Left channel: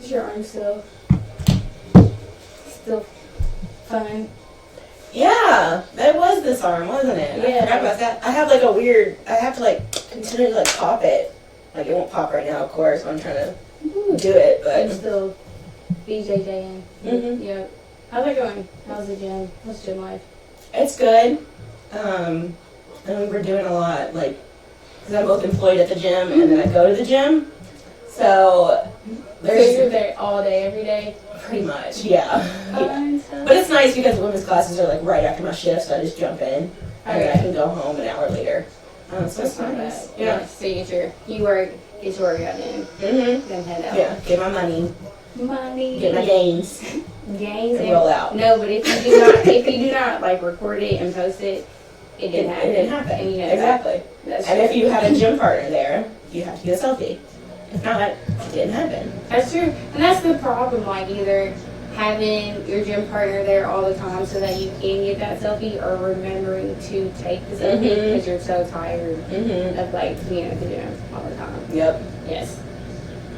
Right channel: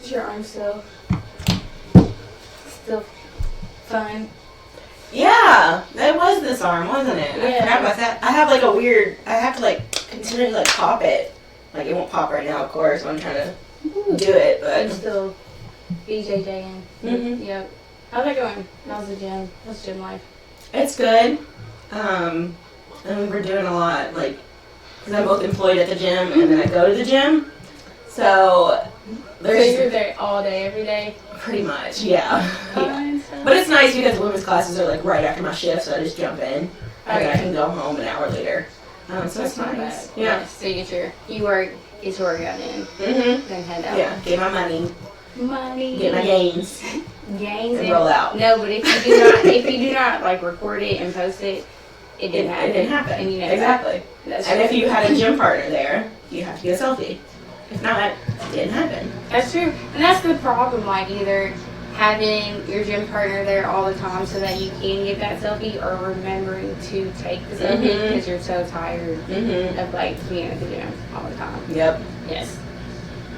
Is your arm still fine? Yeah, it was this arm, wasn't it? Yeah. I forgot about that. I have like a weird, I have to like continually like pop it. Like it won't pop right now, of course, when I'm trying to do it, but. I'm still BJJing. Mm-hmm. Yep. How's that going? How's the gym? What's gym life? It's good. And we were doing a lot, like, because I'm both employed at the gym and then I go to the gym. So you're there all day, every day? Pretty much, yeah. But it's nice because the women's classes are like right after my shift, so I just jump in and then I can go home an hour later. So it's not nice. bad. Yeah. So you get your workout in, then head out. Yeah, get my money. Money. Get my gains. Gains and roll out. No, but if you do not like record it and post it, it didn't happen. It didn't happen. And you know exactly. That's and true. if you had a gym partner there, you have to get a selfie. If not, it didn't happen. That's true. And that's the problem, like either having your gym partner there all the time so that you can get that selfie, or remembering to take the selfie because you're so tired of like being at the gym all the time. Yep. Yes.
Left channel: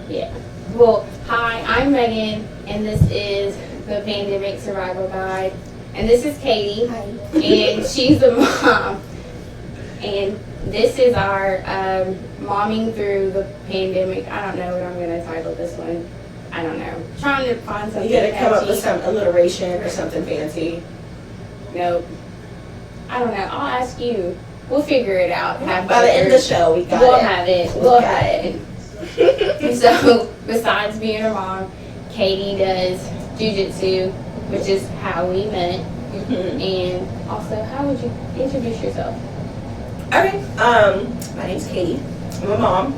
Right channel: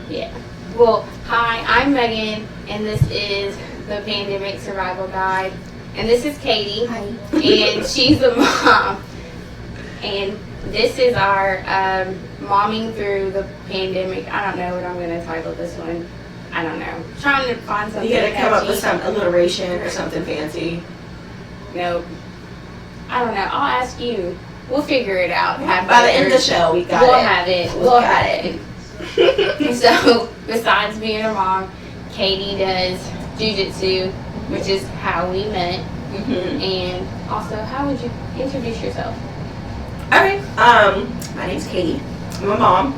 Yeah. Well, hi, I'm Megan, and this is the Pandemic Survival Guide. And this is Katie. Hi. And she's the mom. And this is our momming through the pandemic. I don't know what I'm going to title this one. I don't know. Trying to find something. You got to come up catchy. with some alliteration or something fancy. Nope. I don't know. I'll ask you. We'll figure it out. By the end of the show, we got we'll it. have it. We'll have it. So, besides being a mom, Katie does jujitsu, which is how we met. And also, how would you introduce yourself? Okay. My name's Katie. I'm a mom,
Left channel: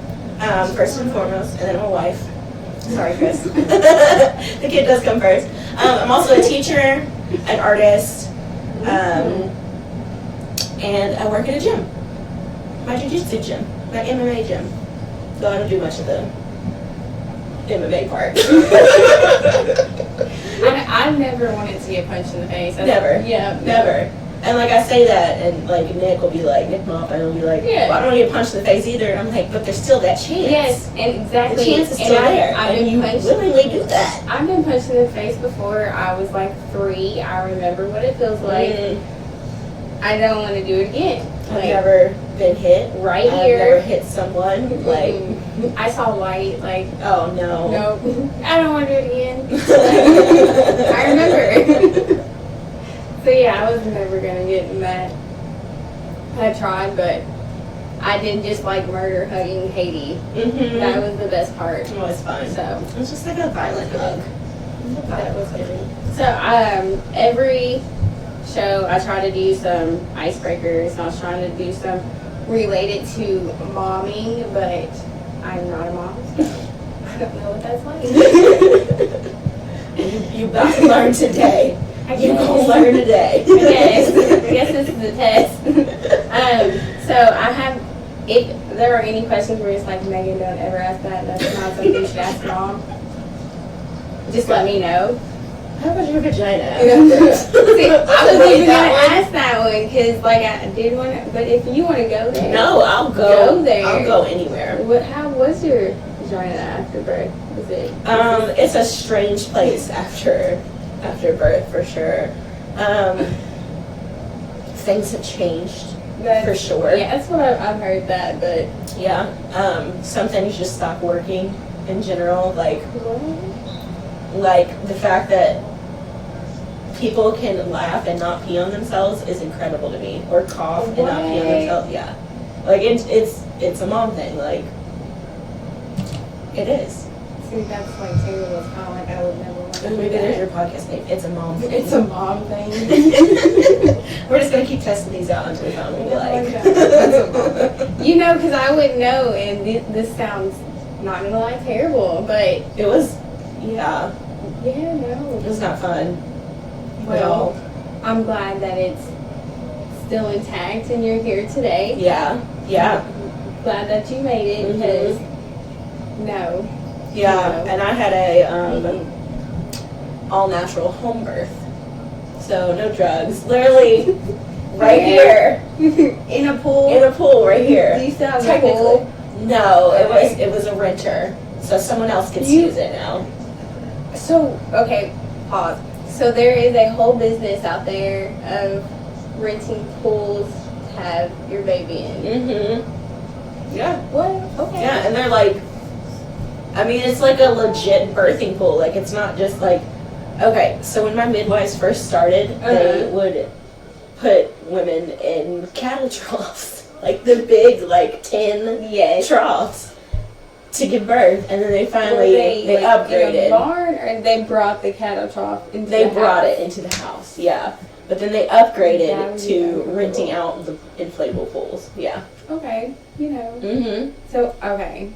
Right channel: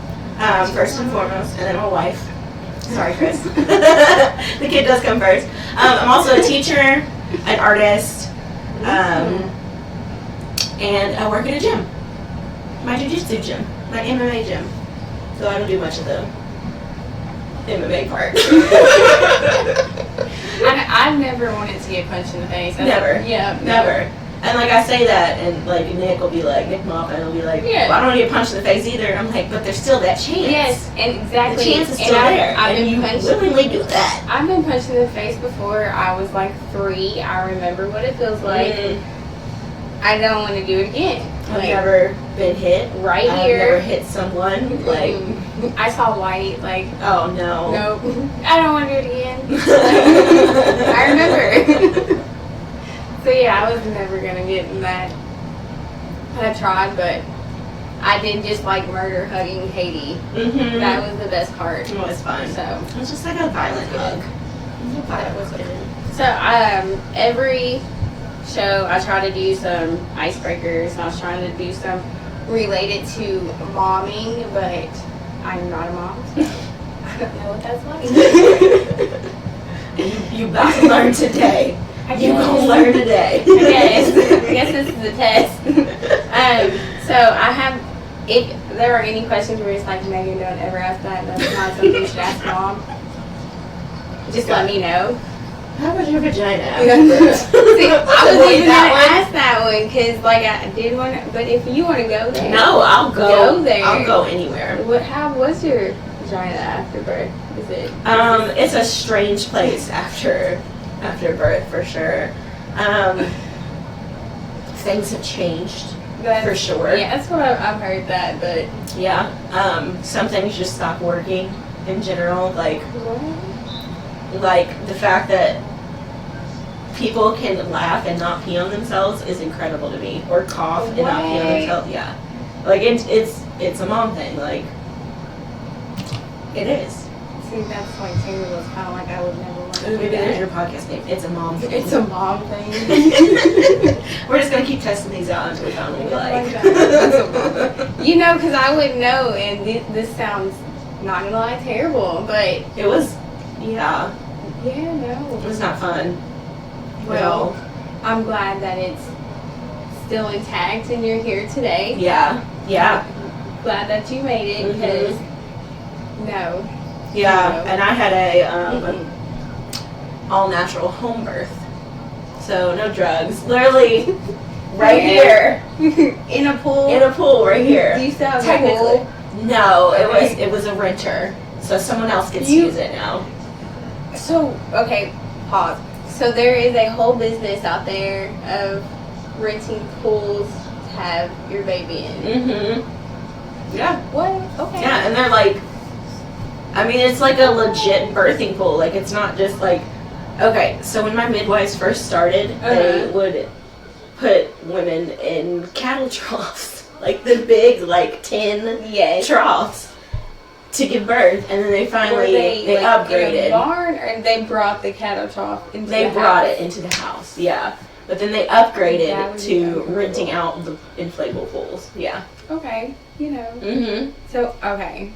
first and foremost, and then I'm a wife. Sorry, Chris. The kid does come first. I'm also a teacher, an artist, and I work at a gym. My jiu-jitsu gym, my MMA gym. So I don't do much of the MMA part. I've never wanted to get punched in the face. Never. Yeah. Never. And like I say that, and like Nick will be like, Nick Moppin will be like, Yeah. well, I don't want to get punched in the face either. I'm like, but there's still that chance. Yes, and exactly. The chance is still there, and you willingly do that. I've been punched in the face before. I was like 3. I remember what it feels like. I don't want to do it again. I've never been hit. Right I've here. never hit someone. Like, I saw light. Like, oh no. nope. I don't want to do it again. I remember. So yeah, I was never gonna get in that. I tried, but I did just like murder hugging Katie. That was the best part. It was fun. So it was just like a violent hug. that was good. So every show I try to do some icebreakers. I was trying to do some related to momming, but I'm not a mom. So I don't know what that's like. You about to learn today. You gonna learn today. I guess this is a test. So I have, if there are any questions where it's like, Megan, don't ever ask that. That's not something you should ask mom. Just let me know. How about your vagina? See, I was even gonna ask that one because like I did want to, but if you want to go there, No, I'll go there. I'll go anywhere. How was your vagina after birth? Is it? It's a strange place after birth for sure. Things have changed for sure. Yeah, that's what I've heard that, but yeah. Some things just stop working in general. Like the fact that people can laugh and not pee on themselves is incredible to me, or cough and not pee on themselves. Yeah, like it's a mom thing. Like it is. See, that's like terrible. It's kind of like I would never want to do Maybe there's that. your podcast name. It's a mom thing. It's a mom thing. We're just gonna keep testing these out until we found what we like. You know, because I wouldn't know, and this sounds, not gonna lie, terrible, but It was, yeah, yeah, no. it was not fun. Well, I'm glad that it's still intact and you're here today. Yeah, yeah, Glad that you made it, because no. yeah. And I had a all natural home birth, so no drugs. Literally, right here In a pool. in a pool right here. Do you still have a Technically, pool? No, Okay. it was a renter. So someone else gets to use it now. So, okay, pause. So there is a whole business out there of renting pools to have your baby in. Mm-hmm. Yeah. What? Okay. Yeah, and they're like, I mean, it's like a legit birthing pool. Like, it's not just like, okay, so when my midwives first started, they would put women in cattle troughs. Like the big, like, tin troughs to give birth. And then they finally, they like, upgraded. In a barn, or they brought the cattle trough into the house? They brought it into the house, yeah. But then they upgraded to renting out the inflatable pools, yeah. Okay, you know. Mm-hmm. So, okay.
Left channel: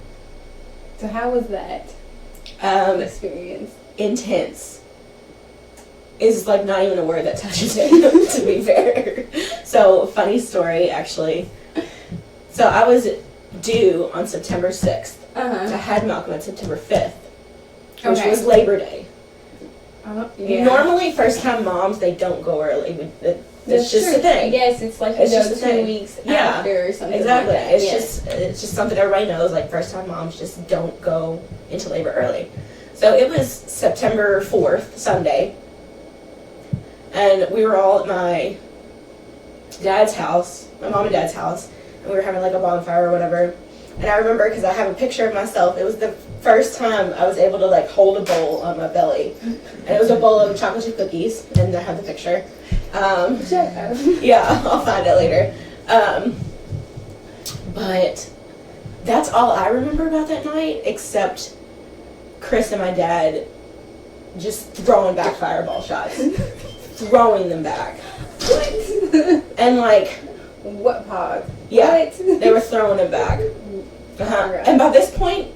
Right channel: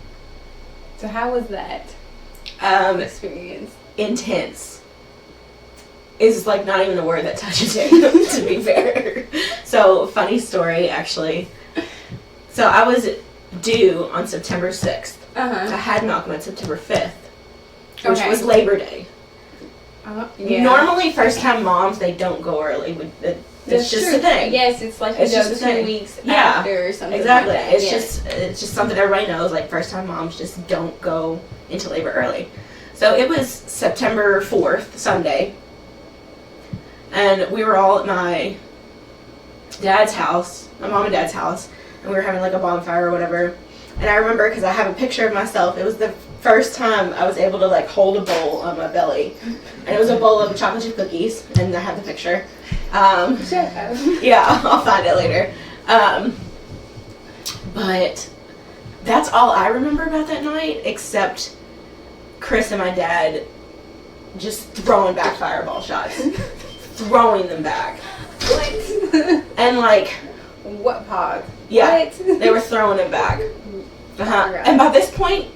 So how was that experience? Intense. Is like not even a word that touches it, to be fair. So, funny story, actually. So, I was due on September 6th. I had Malcolm on September 5th, which was Labor Day. Yeah. Normally, first-time moms, they don't go early. It's just a thing. Yes, it's like it's just 2 weeks after or something exactly. like that. It's just something everybody knows. Like, first-time moms just don't go into labor early. So it was September 4th, Sunday, and we were all at my dad's house, my mom and dad's house, and we were having like a bonfire or whatever. And I remember, because I have a picture of myself, it was the first time I was able to like hold a bowl on my belly, and it was a bowl of chocolate chip cookies, and I have the picture. Yeah, I'll find it later. But that's all I remember about that night, except Chris and my dad just throwing back fireball shots. Throwing them back. What? And like... What pod? Yeah, what? They were throwing them back. Oh, and by this point,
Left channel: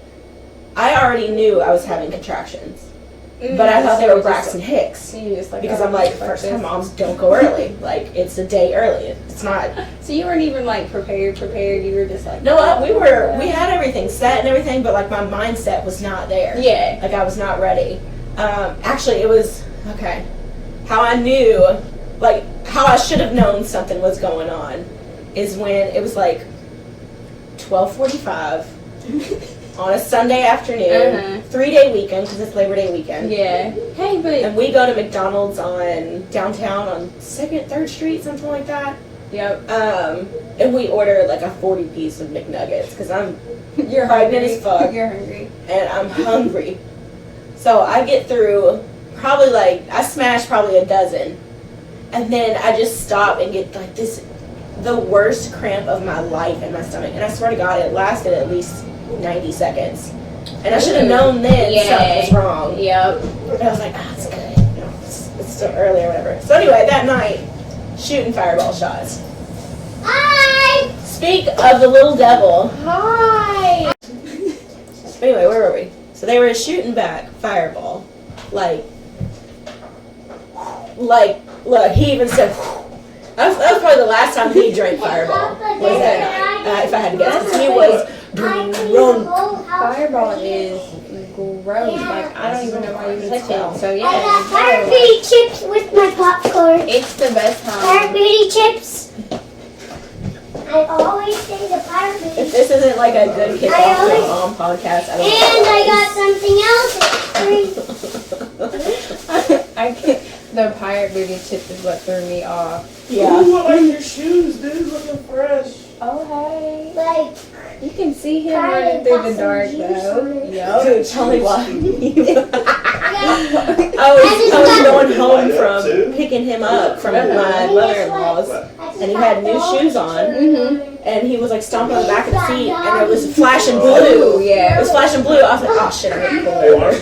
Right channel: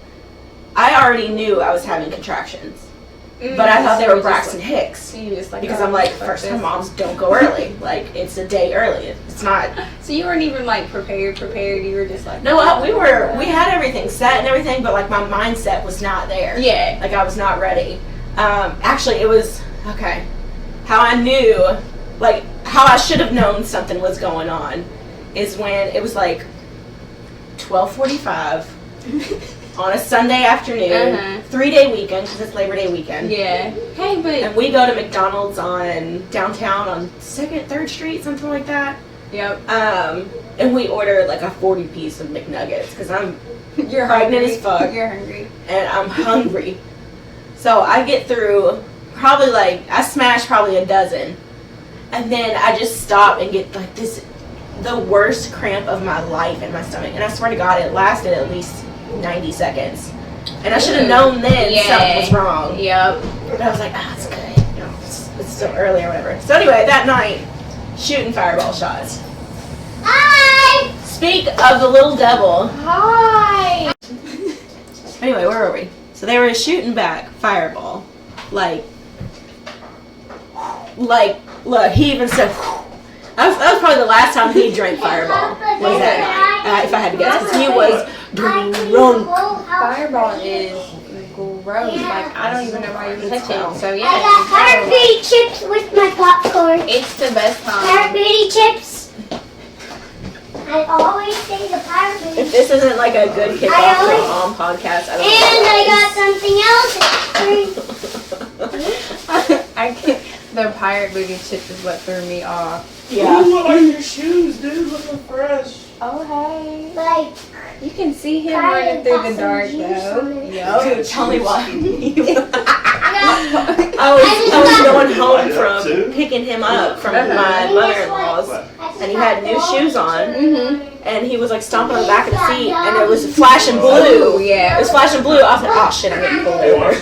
I already knew I was having contractions. But I thought they were Braxton Hicks. So you just like, because I'm like, first time moms don't go early. Like, it's a day early. It's not. So you weren't even like prepared. You were just like, no, we had everything set and everything, but like my mindset was not there. Yeah. Like I was not ready. Actually, it was, okay, how I knew, like how I should have known something was going on is when it was like 12:45 on a Sunday afternoon, 3-day weekend, because it's Labor Day weekend. Yeah. Hey, but... And we go to McDonald's on downtown on 2nd, 3rd Street, something like that. Yep. And we ordered like a 40-piece of McNuggets, because I'm You're pregnant hungry. as fuck. You're hungry. And I'm hungry. So I get through probably like, I smashed probably a dozen. And then I just stop and get like the worst cramp of my life in my stomach. And I swear to God, it lasted at least 90 seconds. And I should have known then something was wrong. Yep. But I was like, it's good. You know, it's still early or whatever. So anyway, that night, shooting fireball shots. Hi! Speak of the little devil. Hi! Anyway, where were we? So they were shooting back fireball. Like, look, he even said, that was probably the last time he drank fireball. Was that night, if I had to guess. Because he was drunk. Fireball is gross. Like, I don't even know why you touch it. So, yeah. I got Pirate Booty chips with my popcorn. It's the best Pirate time. Booty chips. I always say the Pirate Booty. If this isn't like a good kickoff to a mom podcast, I don't know. And I got something else. I can't. The pirate booty chips is what threw me off. Yeah. Ooh, I like your shoes, dude. Looking fresh. Oh, hey. Like, You can see him running through the dark, though. Dude, tell me why. I I was going home from picking him up from my mother-in-law's, and he had new shoes on, and he was like stomping on the back of the feet, and it was flashing blue. Yeah. It was flashing blue. I was like, oh shit, I'm getting pulled over.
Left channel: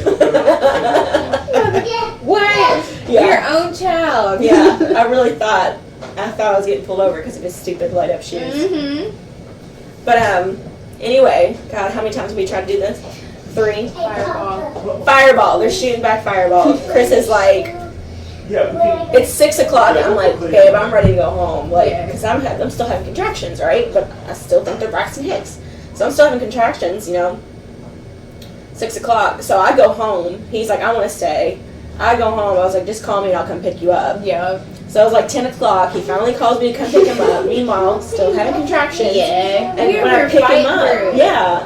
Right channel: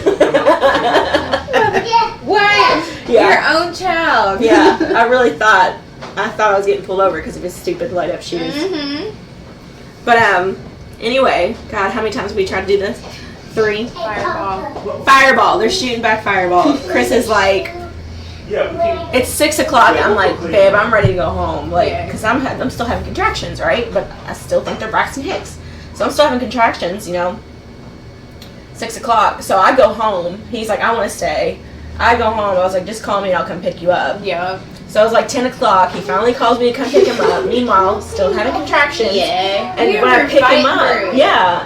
What? Yeah. Your own child. Yeah, I thought I was getting pulled over because of his stupid light-up shoes. But anyway, God, how many times have we tried to do this? 3. Fireball. They're shooting back fireball. Chris is like, it's 6 o'clock. I'm like, babe, I'm ready to go home. Like, because I'm still having contractions, right? But I still think they're Braxton Hicks. So I'm still having contractions, you know. 6 o'clock. So I go home. He's like, I want to stay. I go home. I was like, just call me and I'll come pick you up. Yeah. So it was like 10 o'clock. He finally calls me to come pick him up. Meanwhile, still having contractions. Yeah. And when I pick him up,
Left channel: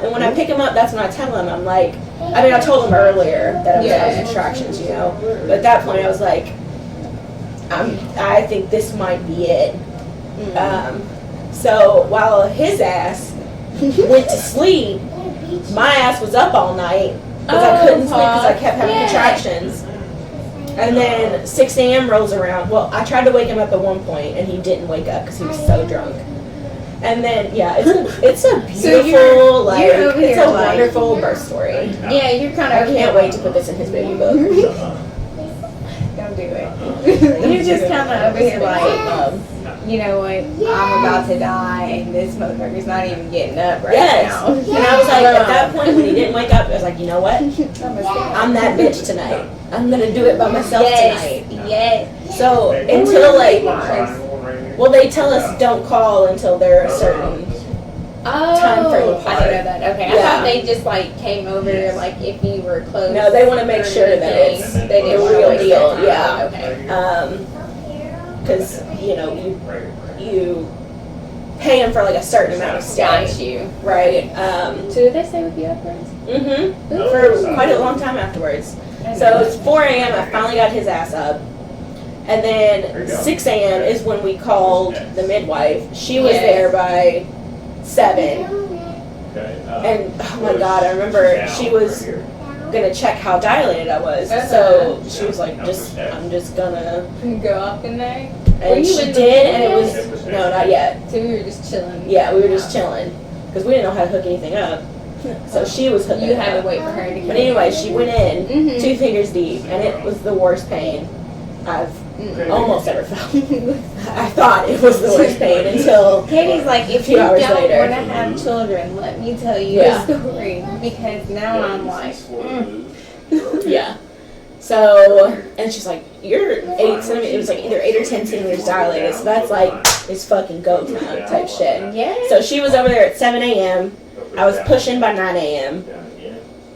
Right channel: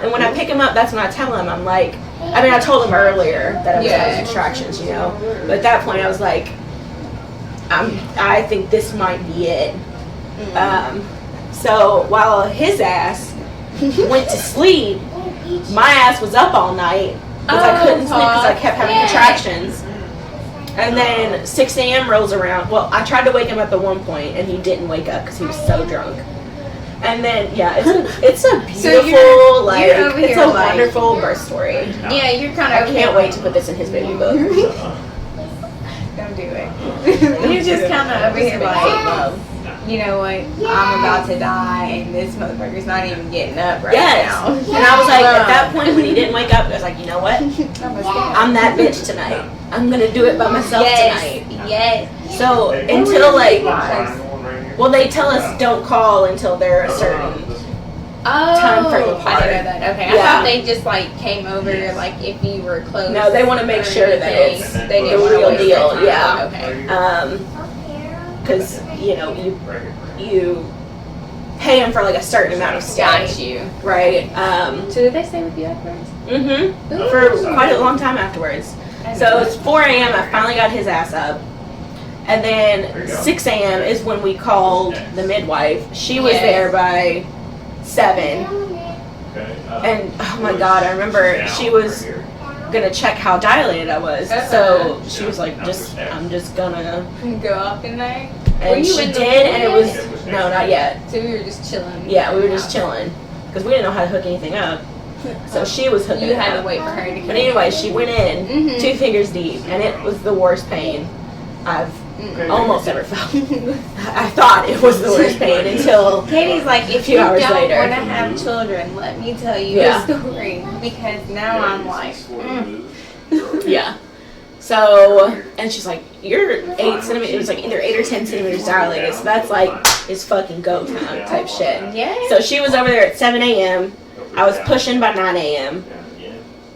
and when I pick him up, that's when I tell him, I'm like, I mean, I told him earlier that I was having contractions, you know. But at that point, I was like, I think this might be it. So while his ass went to sleep, my ass was up all night because I couldn't sleep because I kept having contractions. And then 6 a.m. rolls around. Well, I tried to wake him up at one point, and he didn't wake up because he was so drunk. And then, it's a beautiful, it's a wonderful birth story. Yeah, you're kind of. I can't wait to put this in his baby book. Don't do it. You're just kind of over here like, you know what? I'm about to die, and this motherfucker's not even getting up right now. And I was like, at that point when he didn't wake up, I was like, you know what? I'm that bitch tonight. I'm gonna do it by myself tonight. Yes. So until well, they tell us don't call until they're a certain time frame apart. I didn't know that. Okay, I thought they just like came over like if you were close. No, they want to make sure that it's the real deal. Yeah. Okay. Because you pay them for like a certain amount of stay. Got you. Right. So did they stay with you afterwards? For quite a long time afterwards. So it's 4 a.m. I finally got his ass up. And then 6 a.m. is when we called the midwife. She was there by 7. And oh my God, I remember she was gonna check how dilated I was. So she was like, I'm just gonna go up in there. And she did, and it was no, not yet. So we were just chilling. Yeah, we were just chilling because we didn't know how to hook anything up. So she was hooking. You had to wait for her to come. But anyway, she went in 2 fingers deep, and it was the worst pain I've almost ever felt. I thought it was the worst pain until Katie's like, if you hours don't later. want to have children, let me tell you a story because now I'm like, yeah. So, and she's like, you're 8 centimeters, it was like either 8 or 10 centimeters dilated, so that's like, it's fucking go time type shit. Yeah. So she was over there at 7 a.m., I was pushing by 9 a.m.,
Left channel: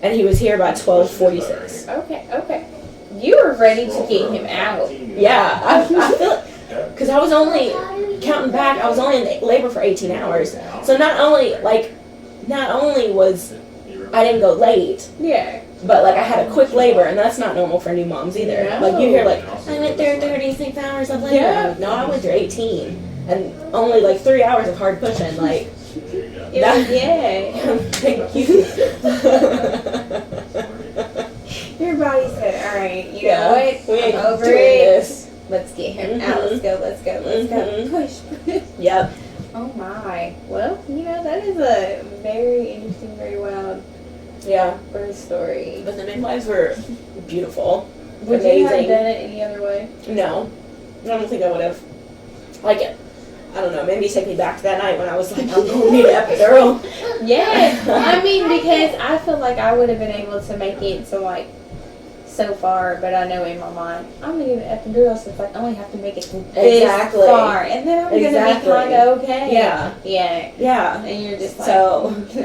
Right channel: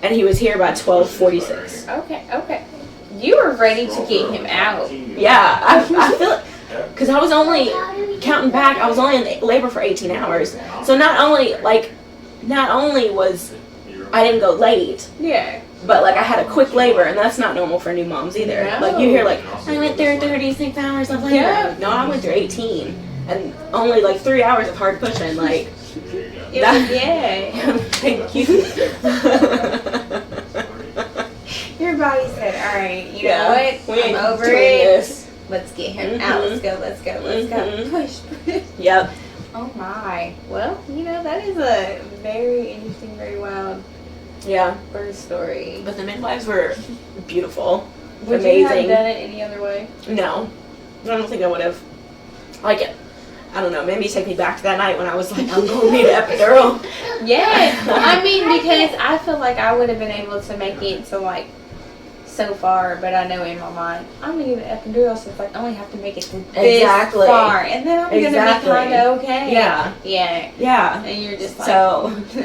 and he was here by 12:46. Okay. You were ready to get him out. Yeah, I feel, because I was only, counting back, I was only in labor for 18 hours, so not only was, I didn't go late. Yeah. But, like, I had a quick labor, and that's not normal for new moms either. No. Like, you hear, like, I went through 36 hours of labor. Yeah. Like, no, I went through 18. And only, like, 3 hours of hard pushing. Like, thank you. Your body said, all right, you know what? We ain't I'm over doing it. this. Let's get him out. Let's go. Push. Yep. Oh, my. Well, that is a very interesting, very wild birth story. But the midwives were beautiful. Would amazing. you have done it any other way? No. I don't think I would have. Like, I don't know, maybe take me back to that night when I was like, I'm going to need an epidural. Yeah. I mean, because I feel like I would have been able to make it to, like, so far, but I know in my mind, I'm going to need an epidural, so it's like, I only have to make it to this far, and then I'm going to be kind of okay. Yeah. Yeah. And you're just like,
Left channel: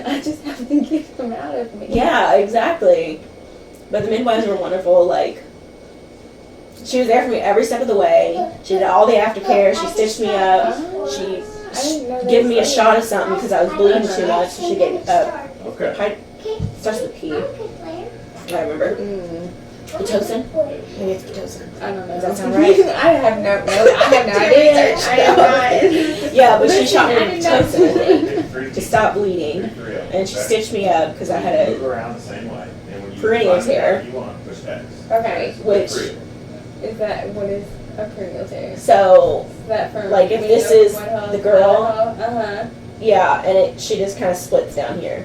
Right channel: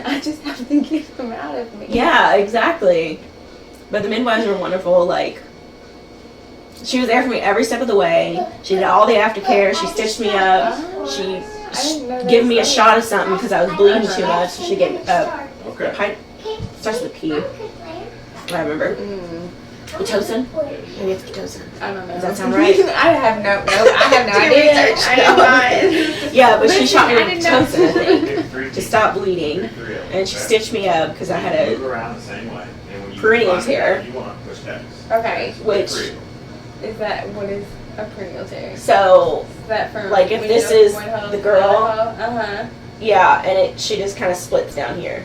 I just have to get him out of me. Yeah, exactly. But the midwives were wonderful, like, she was there for me every step of the way. She did all the aftercare. She stitched me up. She gave me a shot of something because I was bleeding too much. So she gave starts with a P. I remember. Pitocin? Maybe it's Pitocin. I don't know. Does that sound right? I have no idea. I am not. Yeah, but she shot me with Pitocin, I think, to stop bleeding. And she stitched me up because I had a perineal tear. Okay. Which... what is a perineal tear? So, is that from like, if this is the girl, yeah, and she just kind of splits down here.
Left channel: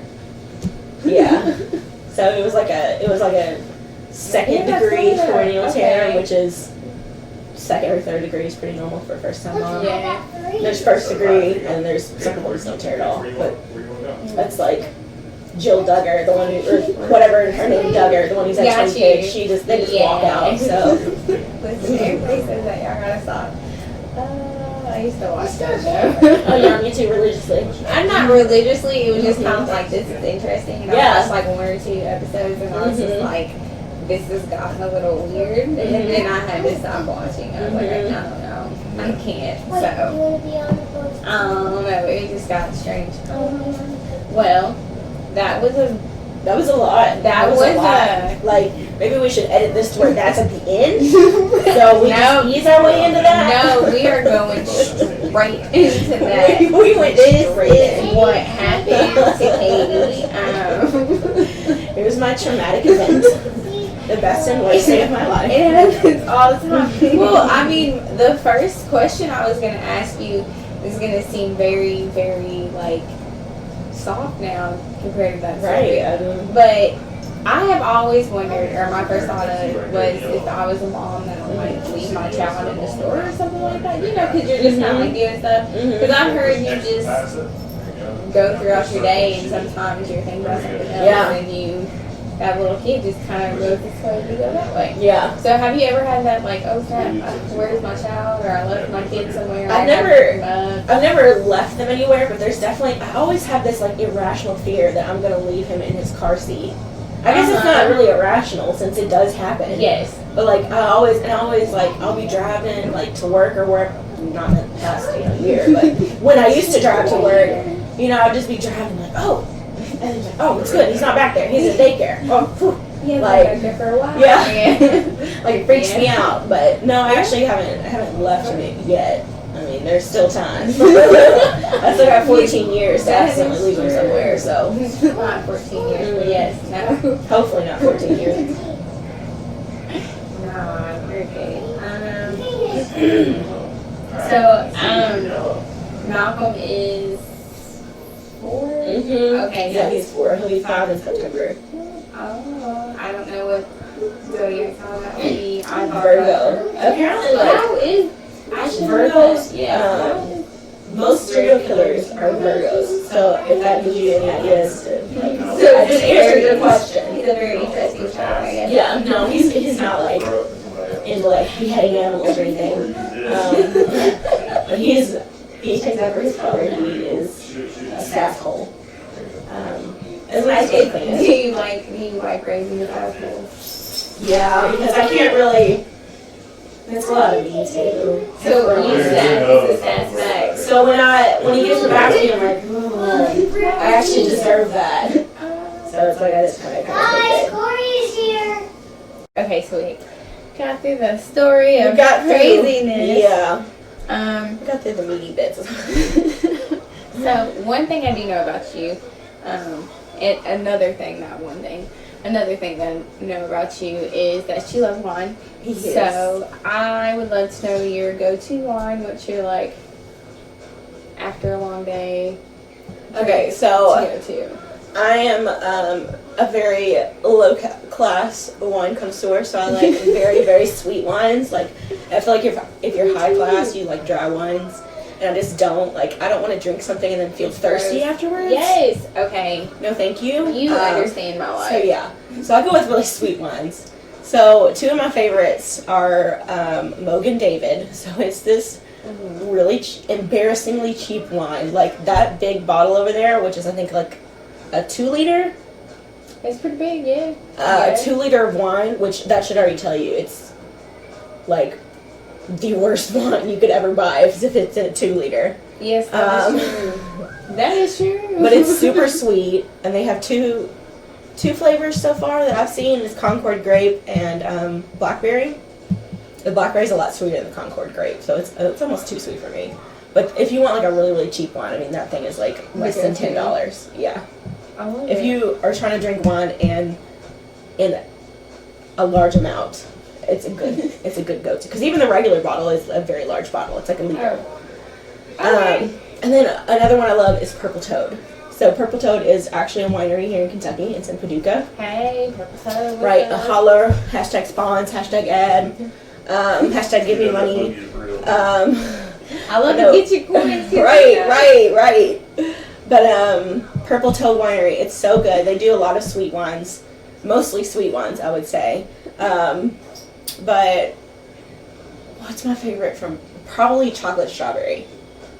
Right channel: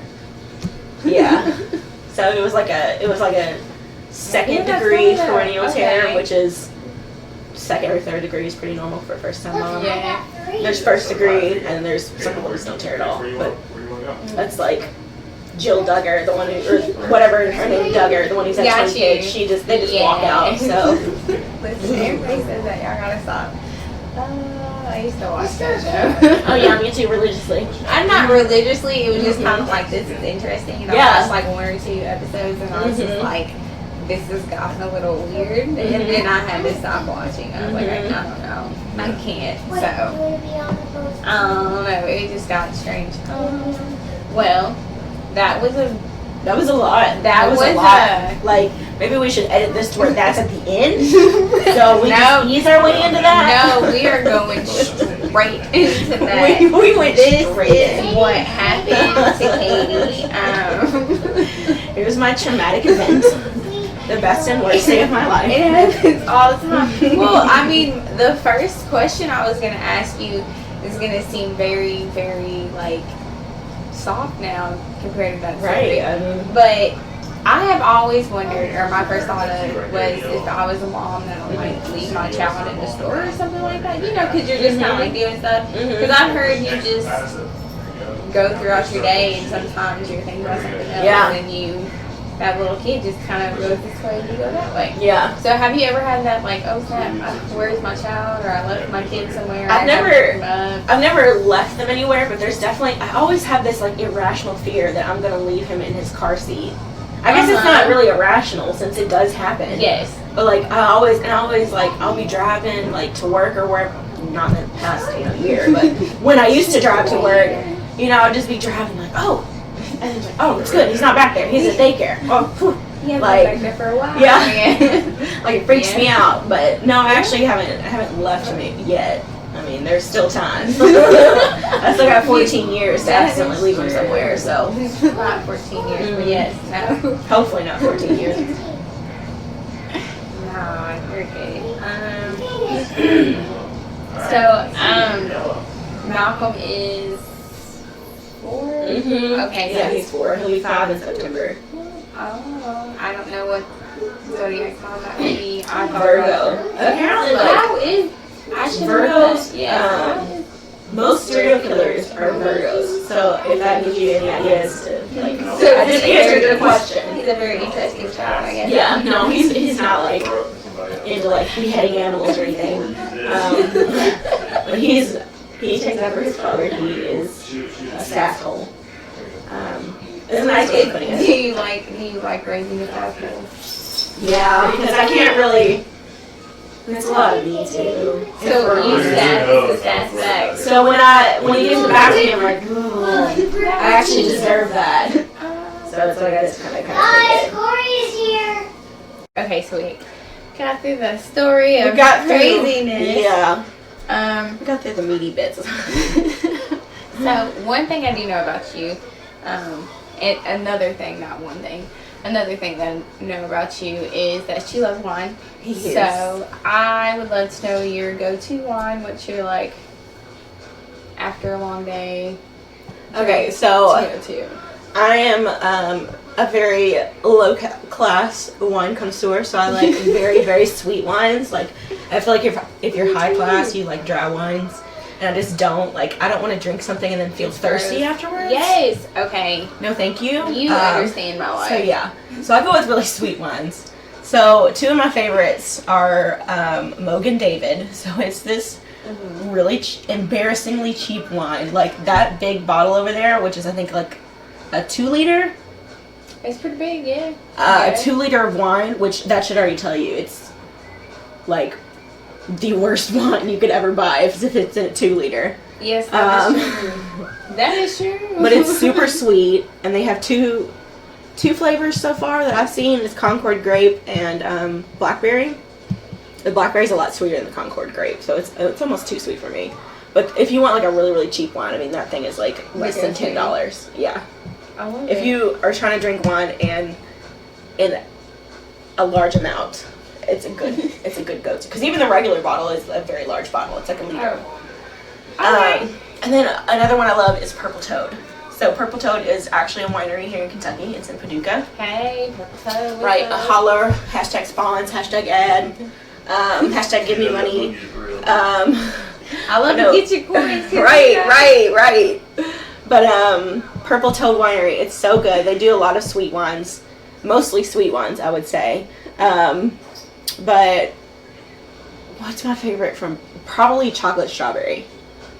Yeah. So it was like a second degree perineal tear, which is second or third degree is pretty normal for a first time mom. Yeah. There's first degree, and then there's some people who don't tear at all, but that's like Jill Duggar, the one who, or whatever her name, Duggar, the one who's had 20 kids, they just walk out, so. Listen, everybody says that, y'all gotta stop. I used to watch that show. Oh yeah, me too, religiously. I'm not religiously, it was just kind of like, this is interesting, and I watched like 1 or 2 episodes, and I was just like, this has gotten a little weird, and then I had to stop watching. I was like, I don't know, I can't. What, you So want to be on the post? I don't know. It just got strange. Well, that was a lot. That was a lot. a- Like, maybe we should edit this to where that's at the end. So we just ease our way into that. No, we are going straight into that. We went This straight is in. what happened to Katie. Here's my traumatic event. The best and worst day of my life. It happens all the time. Well, I mean, the first question I was going to ask you is going to seem very, very, like, soft now compared to that story. Right. I mean, But I have always wondered, or my first thought of it was if I was a mom that would, like, leave my child in the store or something like that. You know, because you're just kind of, like, doing stuff. Because I've heard you just go throughout your day and sometimes you're thinking about something else Yeah. and that little kid just kind of goes this way and you go that way. yeah. So have you ever had that, like, oh snap, where's my child, or I left my kid somewhere? I've never left them anywhere, but there's definitely, I always have this, like, irrational fear that I'm going to leave him in his car seat. I guess it's not really irrational since it does happen. Yes. But, like, I always, like, I'll be driving, like, to work or wherever, not in the past, year, but when I used to drive to work, I'd just be driving, like, oh, and then like, oh, it's good, he's not back there, he's at daycare. Oh, whew. He has Like, been back there for a while. Yeah. Like, it freaks me out, but no, I actually haven't left him yet. I mean, there's still time. I still got 14 years to accidentally leave him somewhere, so. Not 14 years, but yes, no. Hopefully not 14 years. No, you're good. Malcolm is 4? Okay, Yeah, he's 4. He'll be 5 in September. Oh, I don't know what zodiac sign that would be. Virgo. Apparently, like, How is I should Virgos, know. Yeah. most serial killers are Virgos. So if that gives you any ideas to, like, So I just answered your question. He's a very interesting child, I guess. Yeah, no, he's not like into like beheading animals or anything. But he takes after his father. He is a sass hole. It's a nice way of putting Do it. you like raising a asshole? Yeah, because I can't really. It's a lot of me too. So you sass back. So when he gets back to me, I'm like, ooh, I actually deserve that. So it's like I just kind of Hi, take it. Corey is here. Okay, so we got through the story of We got through- craziness. Yeah, we got through the meaty bits. So one thing I do know about you, and another thing that I know about you is that you love wine. Yes. So I would love to know your go-to wine. What's your, like, after a long day? Okay, so go-to. I am a very low class wine connoisseur, so I like very, very sweet wines. Like, I feel like if you're high class, you like dry wines. And I just don't, like, I don't want to drink something and then feel thirsty afterwards. Yes. Okay. No, thank you. You understand my life. So, yeah. So, I go with really sweet wines. So, 2 of my favorites are Mogan David. So, it's this really embarrassingly cheap wine. Like, that big bottle over there, which is, I think, like a 2-liter. It's pretty big, yeah. A 2-liter of wine, which that should already tell you it's, like, the worst wine you could ever buy if it's in a 2-liter. Yes, that is true. That is true. But it's super sweet, and they have two flavors so far that I've seen. It's Concord grape and blackberry. The blackberry's a lot sweeter than the Concord grape, so it's almost too sweet for me. But if you want like a really, really cheap wine, I mean that thing is like less than $10. Yeah. I love If it. you are trying to drink wine and in a large amount, it's a good go-to. Because even the regular bottle is a very large bottle. It's like a liter. Okay. And then another one I love is Purple Toad. So Purple Toad is actually a winery here in Kentucky. It's in Paducah. Hey, Purple Toad, what's Right, up? a holler, hashtag spawns, hashtag ad, hashtag give me money. I love No. to get your coins. Right. But Purple Toad Winery, it's so good. They do a lot of sweet wines, mostly sweet wines, I would say. But what's my favorite from? Probably chocolate strawberry.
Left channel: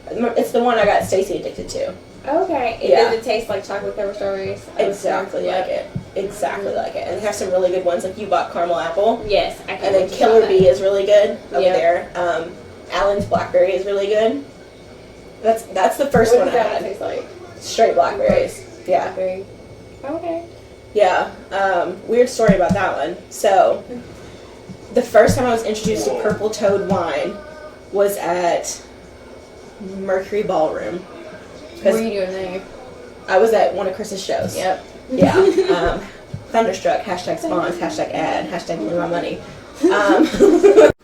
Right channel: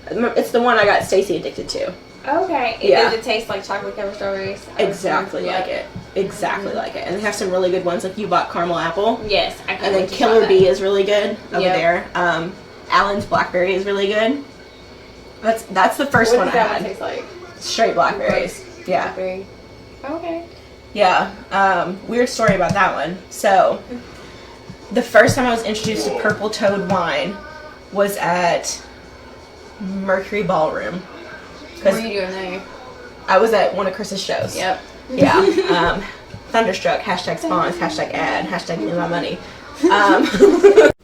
It's the one I got Stacy addicted to. Okay. Yeah. Does it taste like chocolate covered strawberries? Exactly like it. Exactly like it. And they have some really good ones. Like you bought caramel apple. Yes. I can And then Killer Bee is really good over there. Allen's blackberry is really good. That's the first one I What does that had. one taste like? Straight blackberries. Yeah. Blackberry. Okay. Yeah. Weird story about that one. So, the first time I was introduced to Purple Toad wine was at Mercury Ballroom. What are you doing there? I was at one of Chris's shows. Yep. Yeah. Thunderstruck, hashtag spawns, hashtag ad, hashtag give me my money.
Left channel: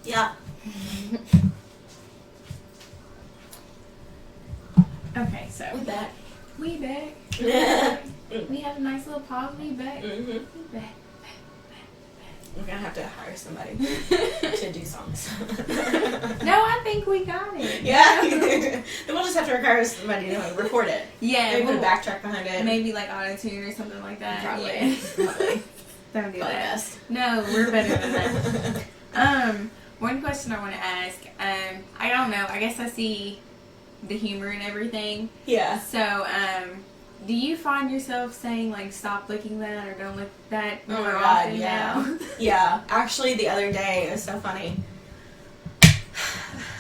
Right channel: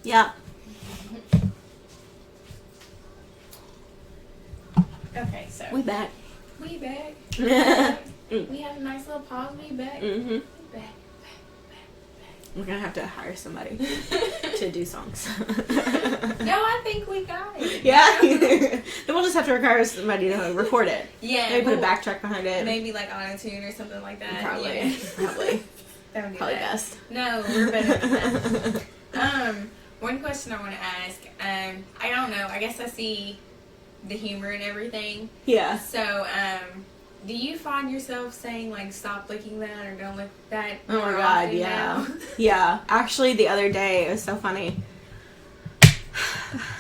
Yeah. Okay, so We back. we back. Mm. We had a nice little pause. We back. Mm-hmm. We back. We're gonna have to hire somebody to do songs. No, I think we got it. Yeah. Then we'll just have to require somebody to record it. Yeah. Maybe put a backtrack behind it. Maybe like auto-tune or something like that. Probably. Yeah. Probably. Don't do Probably that. best. No, we're better than that. One question I want to ask. I don't know. I guess I see the humor and everything. Yeah. So, do you find yourself saying like "stop licking that" or "don't lick that" Oh more my god, often yeah. now? Yeah. Actually, the other day, it was so funny.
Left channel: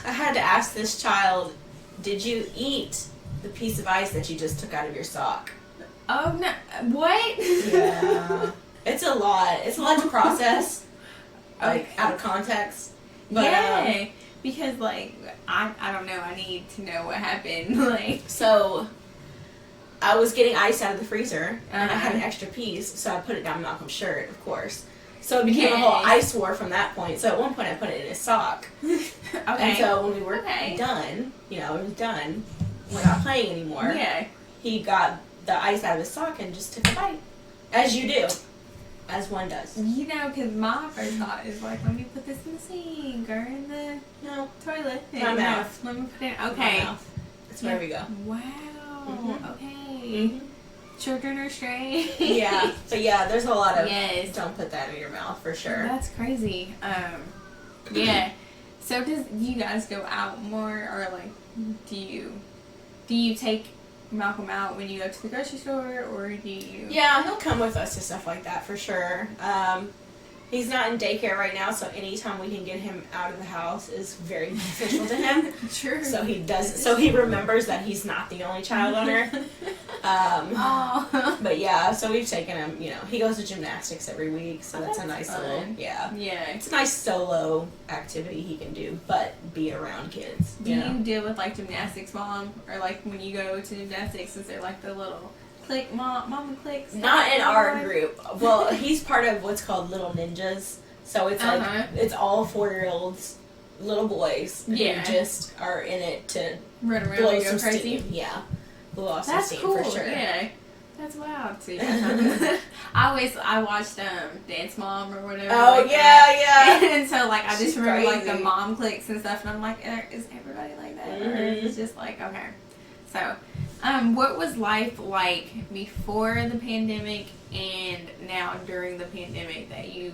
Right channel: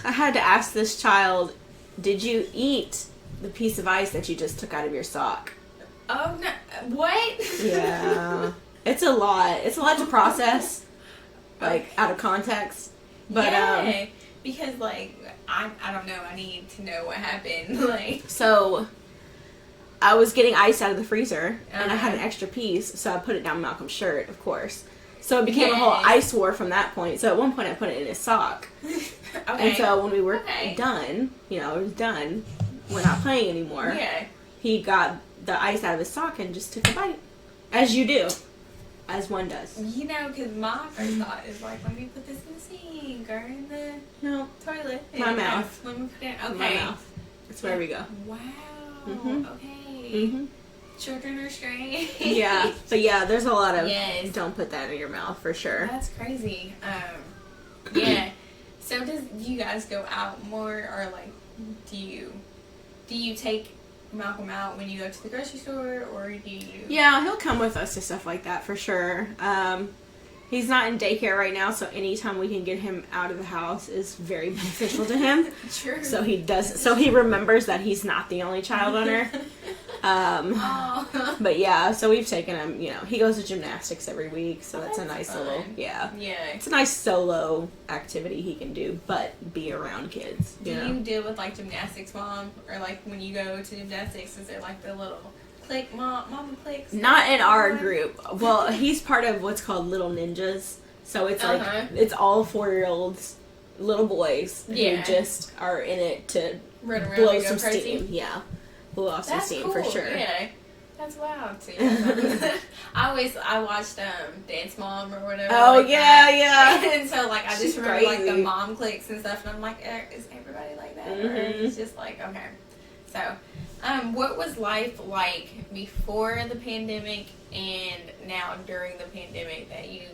I had to ask this child, did you eat the piece of ice that you just took out of your sock? Oh no! What? Yeah. It's a lot. It's a lot to process, like, out of context. But, yeah, because like I don't know. I need to know what happened. Like, so I was getting ice out of the freezer, and I had an extra piece, so I put it down Malcolm's shirt, of course. So it became a whole ice war from that point. So at one point I put it in his sock. okay. And so when we were Okay. done, it was done, we're not playing anymore, Yeah. he got the ice out of his sock and just took a bite. As you do. As one does. You know, because my first thought is like, let me put this in the sink or in the No. toilet. My mouth. Let me put it. My Okay. mouth. That's where we go. Wow. Mhm. Okay. Children are strange. Yeah. So yeah, there's a lot of Yes. don't put that in your mouth for sure. That's crazy. Yeah. So do you guys go out more, or like, do you take Malcolm out when you go to the grocery store, or do you? Yeah, he'll come with us to stuff like that for sure. He's not in daycare right now, so anytime we can get him out of the house is very beneficial to him. True. So he does. So he remembers that he's not the only child on Earth. Oh. But yeah, so we've taken him. He goes to gymnastics every week, so that's a That's nice fun. little Yeah. It's a nice solo activity he can do, but be around kids. Do you deal with like gymnastics, mom, or like when you go to gymnastics, is there like the little click, mama clicks? Not in our group. Well, he's part of what's called Little Ninjas, so it's like it's all 4-year-olds, little boys Yeah. who just are in it to Run around blow and go some crazy. steam. Yeah, blow off some That's steam cool. for sure. Yeah. That's wild too. I watched Dance Mom or whatever. Oh like yeah, that. yeah. And so like I just She's remember like the crazy. mom clicks and stuff, and I'm like, is everybody like that, or Mhm. it's just like okay. So, what was life like before the pandemic and now during the pandemic that you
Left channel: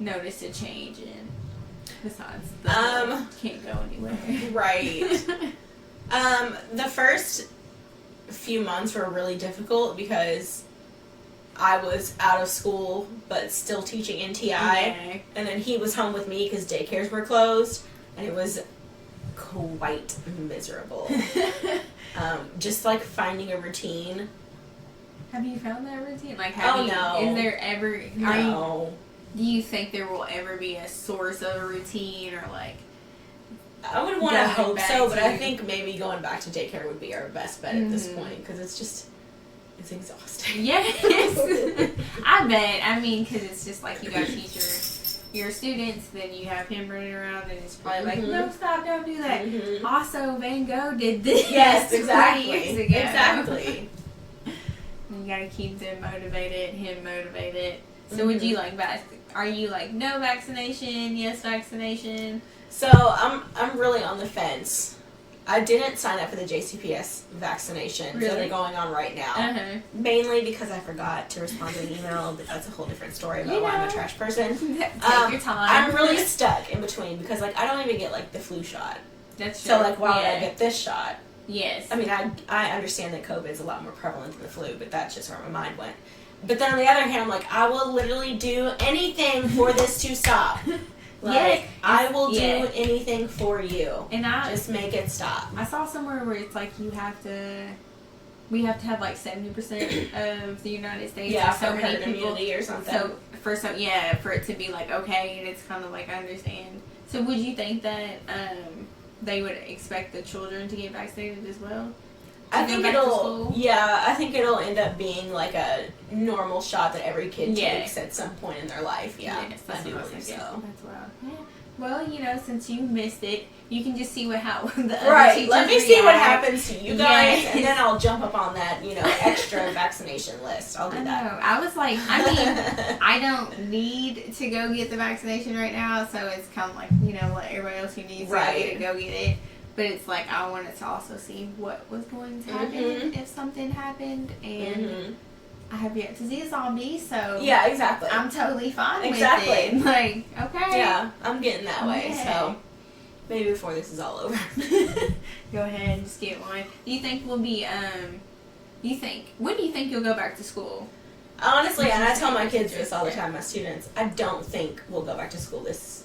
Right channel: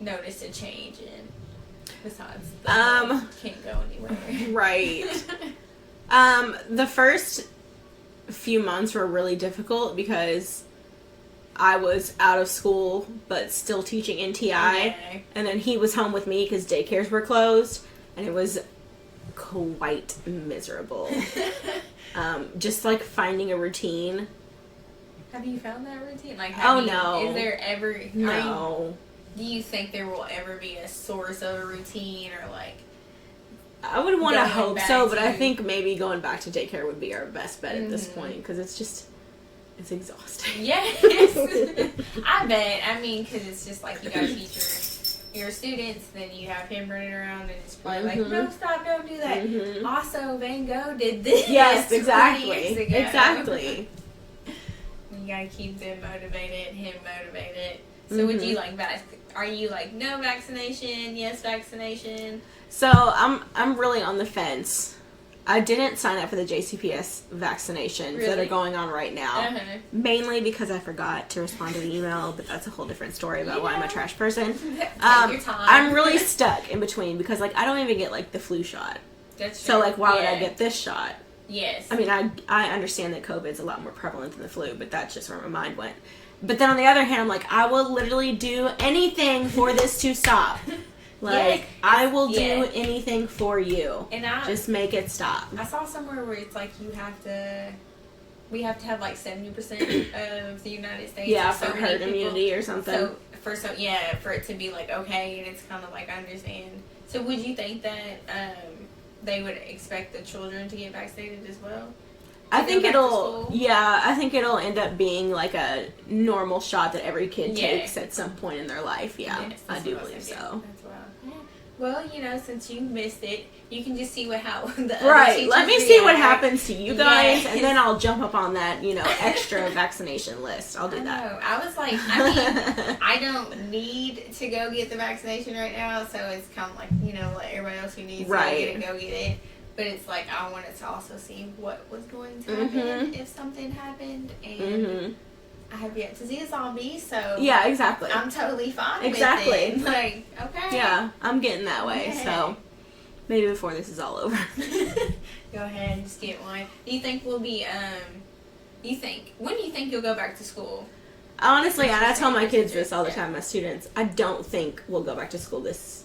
noticed a change in? Besides, the whole can't go anywhere. Right. The first few months were really difficult because I was out of school but still teaching NTI, Okay. and then he was home with me because daycares were closed, and it was quite miserable. Just like finding a routine. Have you found that routine? Like, No. Is there ever? No. Do you think there will ever be a source of a routine, or like? I would want to Going hope back so, but I to- think maybe going back to daycare would be our best bet at this Mhm. point because it's exhausting. Yes, I bet. I mean, because it's just like you gotta teach your students, then you have him running around, and it's probably like, Mhm. no, stop, don't do that. Mhm. Also, Van Gogh did this. Yes, 20 exactly. years ago. Exactly. You gotta keep them motivated, him motivated. So would you like are you like no vaccination, yes vaccination? So I'm really on the fence. I didn't sign up for the JCPS vaccinations that Really? are going on right now. Uh-huh. Mainly because I forgot to respond to the email, but that's a whole different story about You why I'm know. a trash person. Take your time. I'm really stuck in between because like I don't even get like the flu shot. That's So like why would I yeah. get this shot? Yes. I mean, I understand that COVID is a lot more prevalent than the flu, but that's just where my mind went. But then on the other hand, I'm like, I will literally do anything for this to stop. Like, Yes. I will do Yeah. anything for you. And Just make it stop. I saw somewhere where it's like we have to have like 70% of the United States. Yeah, or so for many herd people. immunity or something. So for it to be like okay, and it's kind of like I understand. So would you think that they would expect the children to get vaccinated as well? I To think go back to it'll, school? yeah, I think it'll end up being like a normal shot that every kid Yeah. takes at some point in their life. Yeah, Yes, I that's do what was believe thinking. so. That's wild. Yeah. Well, you know, since you missed it, you can just see how the other Right, teachers let me see what react. happens to you guys, Yes. and then I'll jump up on that, extra vaccination list. I'll do I that. know. I was like, I mean, I don't need to go get the vaccination right now, so it's kind of like, let everybody else who needs Right. to go get it. But it's like, I wanted to also see what was going to happen if something happened, and I have yet to see a zombie, so Yeah, exactly. I'm totally fine Exactly. with it. Like, okay. Yeah, I'm getting that way, Yeah. so maybe before this is all over. Go ahead and just get one. Do you think we'll be, when do you think you'll go back to school? Honestly, and I That's tell my interesting. kids this all the time, my students, I don't think we'll go back to school this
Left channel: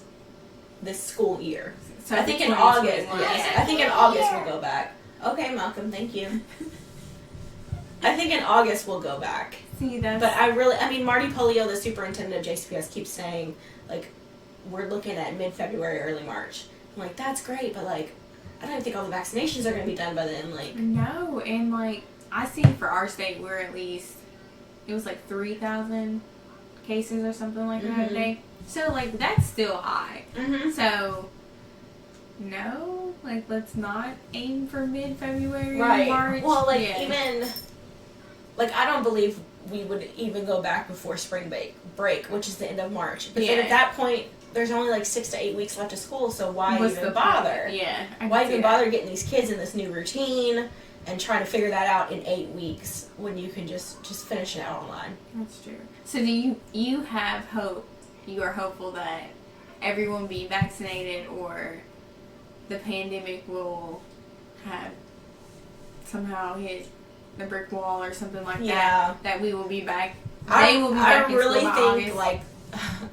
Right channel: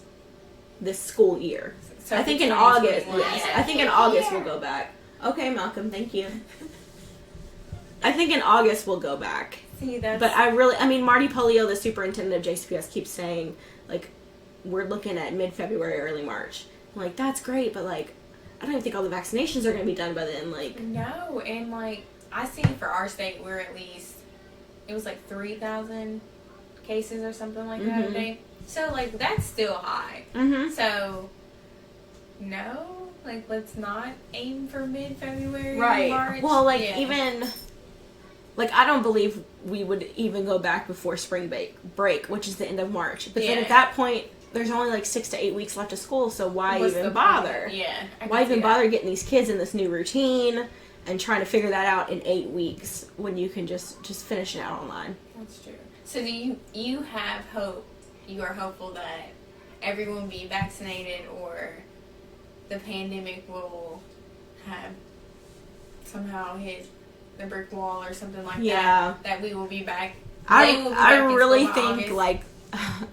school year. So I think in 2021, August, yes. yeah. I think in August we'll go back. Okay, Malcolm, thank you. I think in August we'll go back. See, that's... But I mean, Marty Polio, the superintendent of JCPS, keeps saying, like, we're looking at mid-February, early March. I'm like, that's great, but, like, I don't even think all the vaccinations are going to be done by then. Like, No, and, like, I see for our state, we're at least, it was like 3,000 cases or something like that a day. So, like, that's still high. So, no, like, let's not aim for mid-February, right. March. Well, like, Yeah. even, like, I don't believe we would even go back before spring break, which is the end of March. But then Yeah. at that point, there's only like 6 to 8 weeks left of school, so why What's even the bother? point? Yeah. I Why can see even that. bother getting these kids in this new routine and trying to figure that out in 8 weeks when you can just finish it out online? That's true. So do you have hope? You are hopeful that everyone will be vaccinated, or the pandemic will have somehow hit the brick wall or something like Yeah. that we will be back. I They will be back in really school by think August. like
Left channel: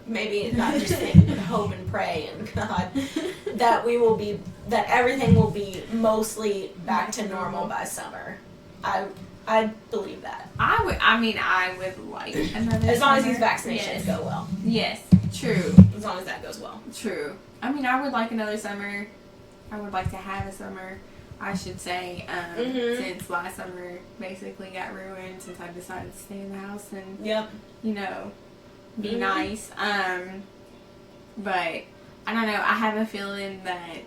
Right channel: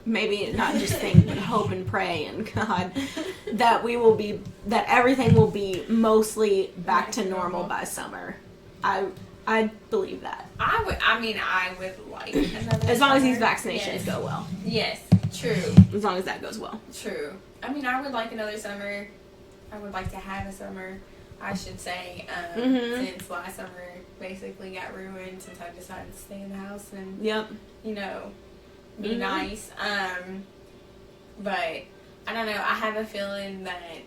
maybe not just think, but hope and pray and God that that everything will be mostly back to normal by summer. I believe that. I would like another As long as these summer. vaccinations Yes. go well. Yes, true. As long as that goes well. True. I mean, I would like another summer. I would like to have a summer, I should say, since last summer basically got ruined since I decided to stay in the house and, Yep. be nice. But I don't know. I have a feeling that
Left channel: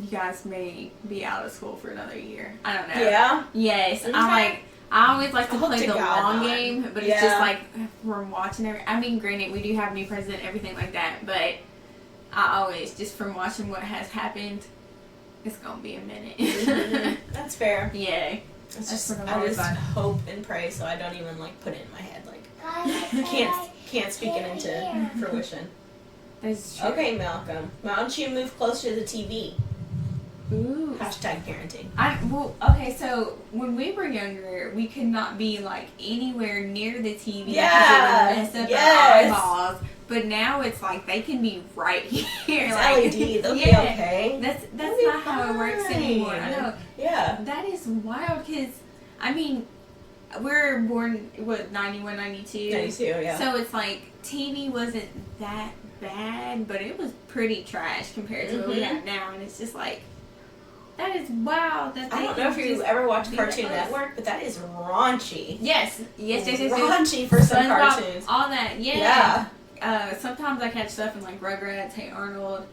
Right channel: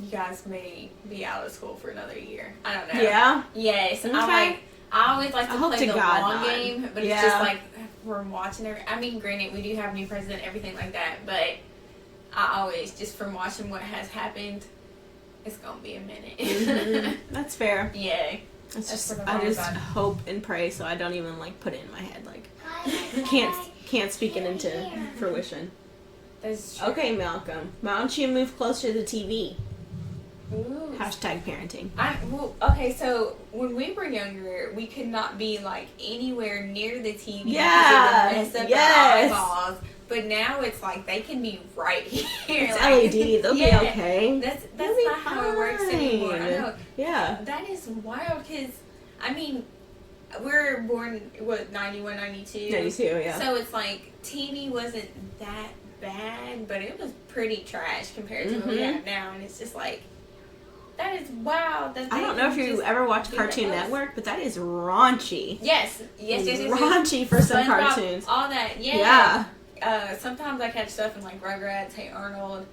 you guys may be out of school for another year. I don't know. Yeah. Yes. Okay. I always like to I hope play to the God long not. game, but it's Yeah. just like from watching her. I mean, granted, we do have a new president, everything like that, but I always, just from watching what has happened, it's gonna be a minute. That's fair. Yeah. It's That's just, what I've I always just done. hope and pray, so I don't even like put it in my head. Like, can't speak it into fruition. That's true. Okay, Malcolm. Why don't you move closer to the TV? Ooh. Hashtag parenting. Okay, so when we were younger, we could not be like anywhere near the TV Yeah, because it would mess up yes. our eyeballs. But now it's like they can be right here. It's like, LED. They'll be yeah. okay. That's They'll be not how it works anymore. I fine. know. Yeah. That is wild because, I mean, we're born, 91, 92? 92, yeah. So it's like TV wasn't that bad, but it was pretty trash compared to what we have now. And it's just like, that is wild. That I don't know if you ever watched Cartoon Network, but that is raunchy. Yes. Raunchy for some SpongeBob, cartoons. all that, Yeah. sometimes I catch stuff in like Rugrats, Hey Arnold.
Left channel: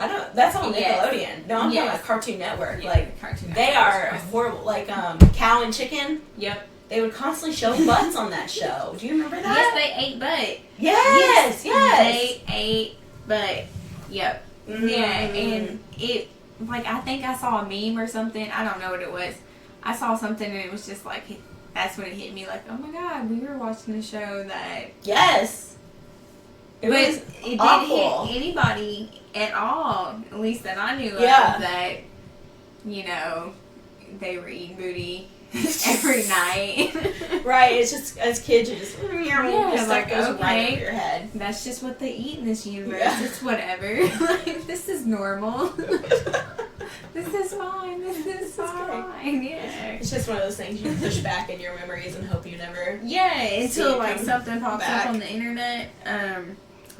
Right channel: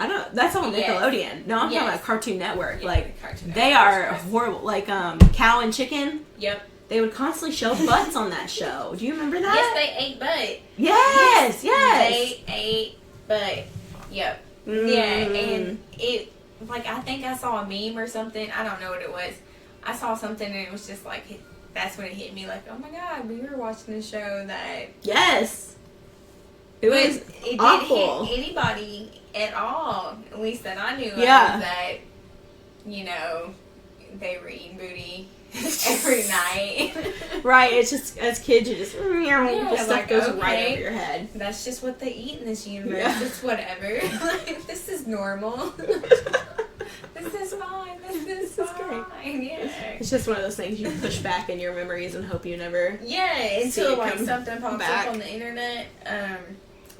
I don't. That's on Yes. Nickelodeon. No, I'm Yes. talking about Cartoon Network. Yeah, Like Cartoon they Network, are of course. horrible. Like Cow and Chicken. Yep. They would constantly show butts on that show. Do you remember that? Yes, they ate butt. Yes. They ate butt. Yep. Mm. Yeah, and it, like, I think I saw a meme or something. I don't know what it was. I saw something and it was just like, that's when it hit me, like, oh my God, we were watching a show that. Yes. It But was it awful. didn't hit anybody at all, at least that I knew Yeah. of, that you know, they were eating booty every night. Right, it's just, as kids, you just, Yeah, like, goes okay. right over your head. That's just what they eat in this universe. Yeah. It's whatever. Like, this is normal. This is fine. This is fine. Yeah. It's just one of those things you push back in your memories and hope you never. Yeah, See until it like come something pops back. up on the internet.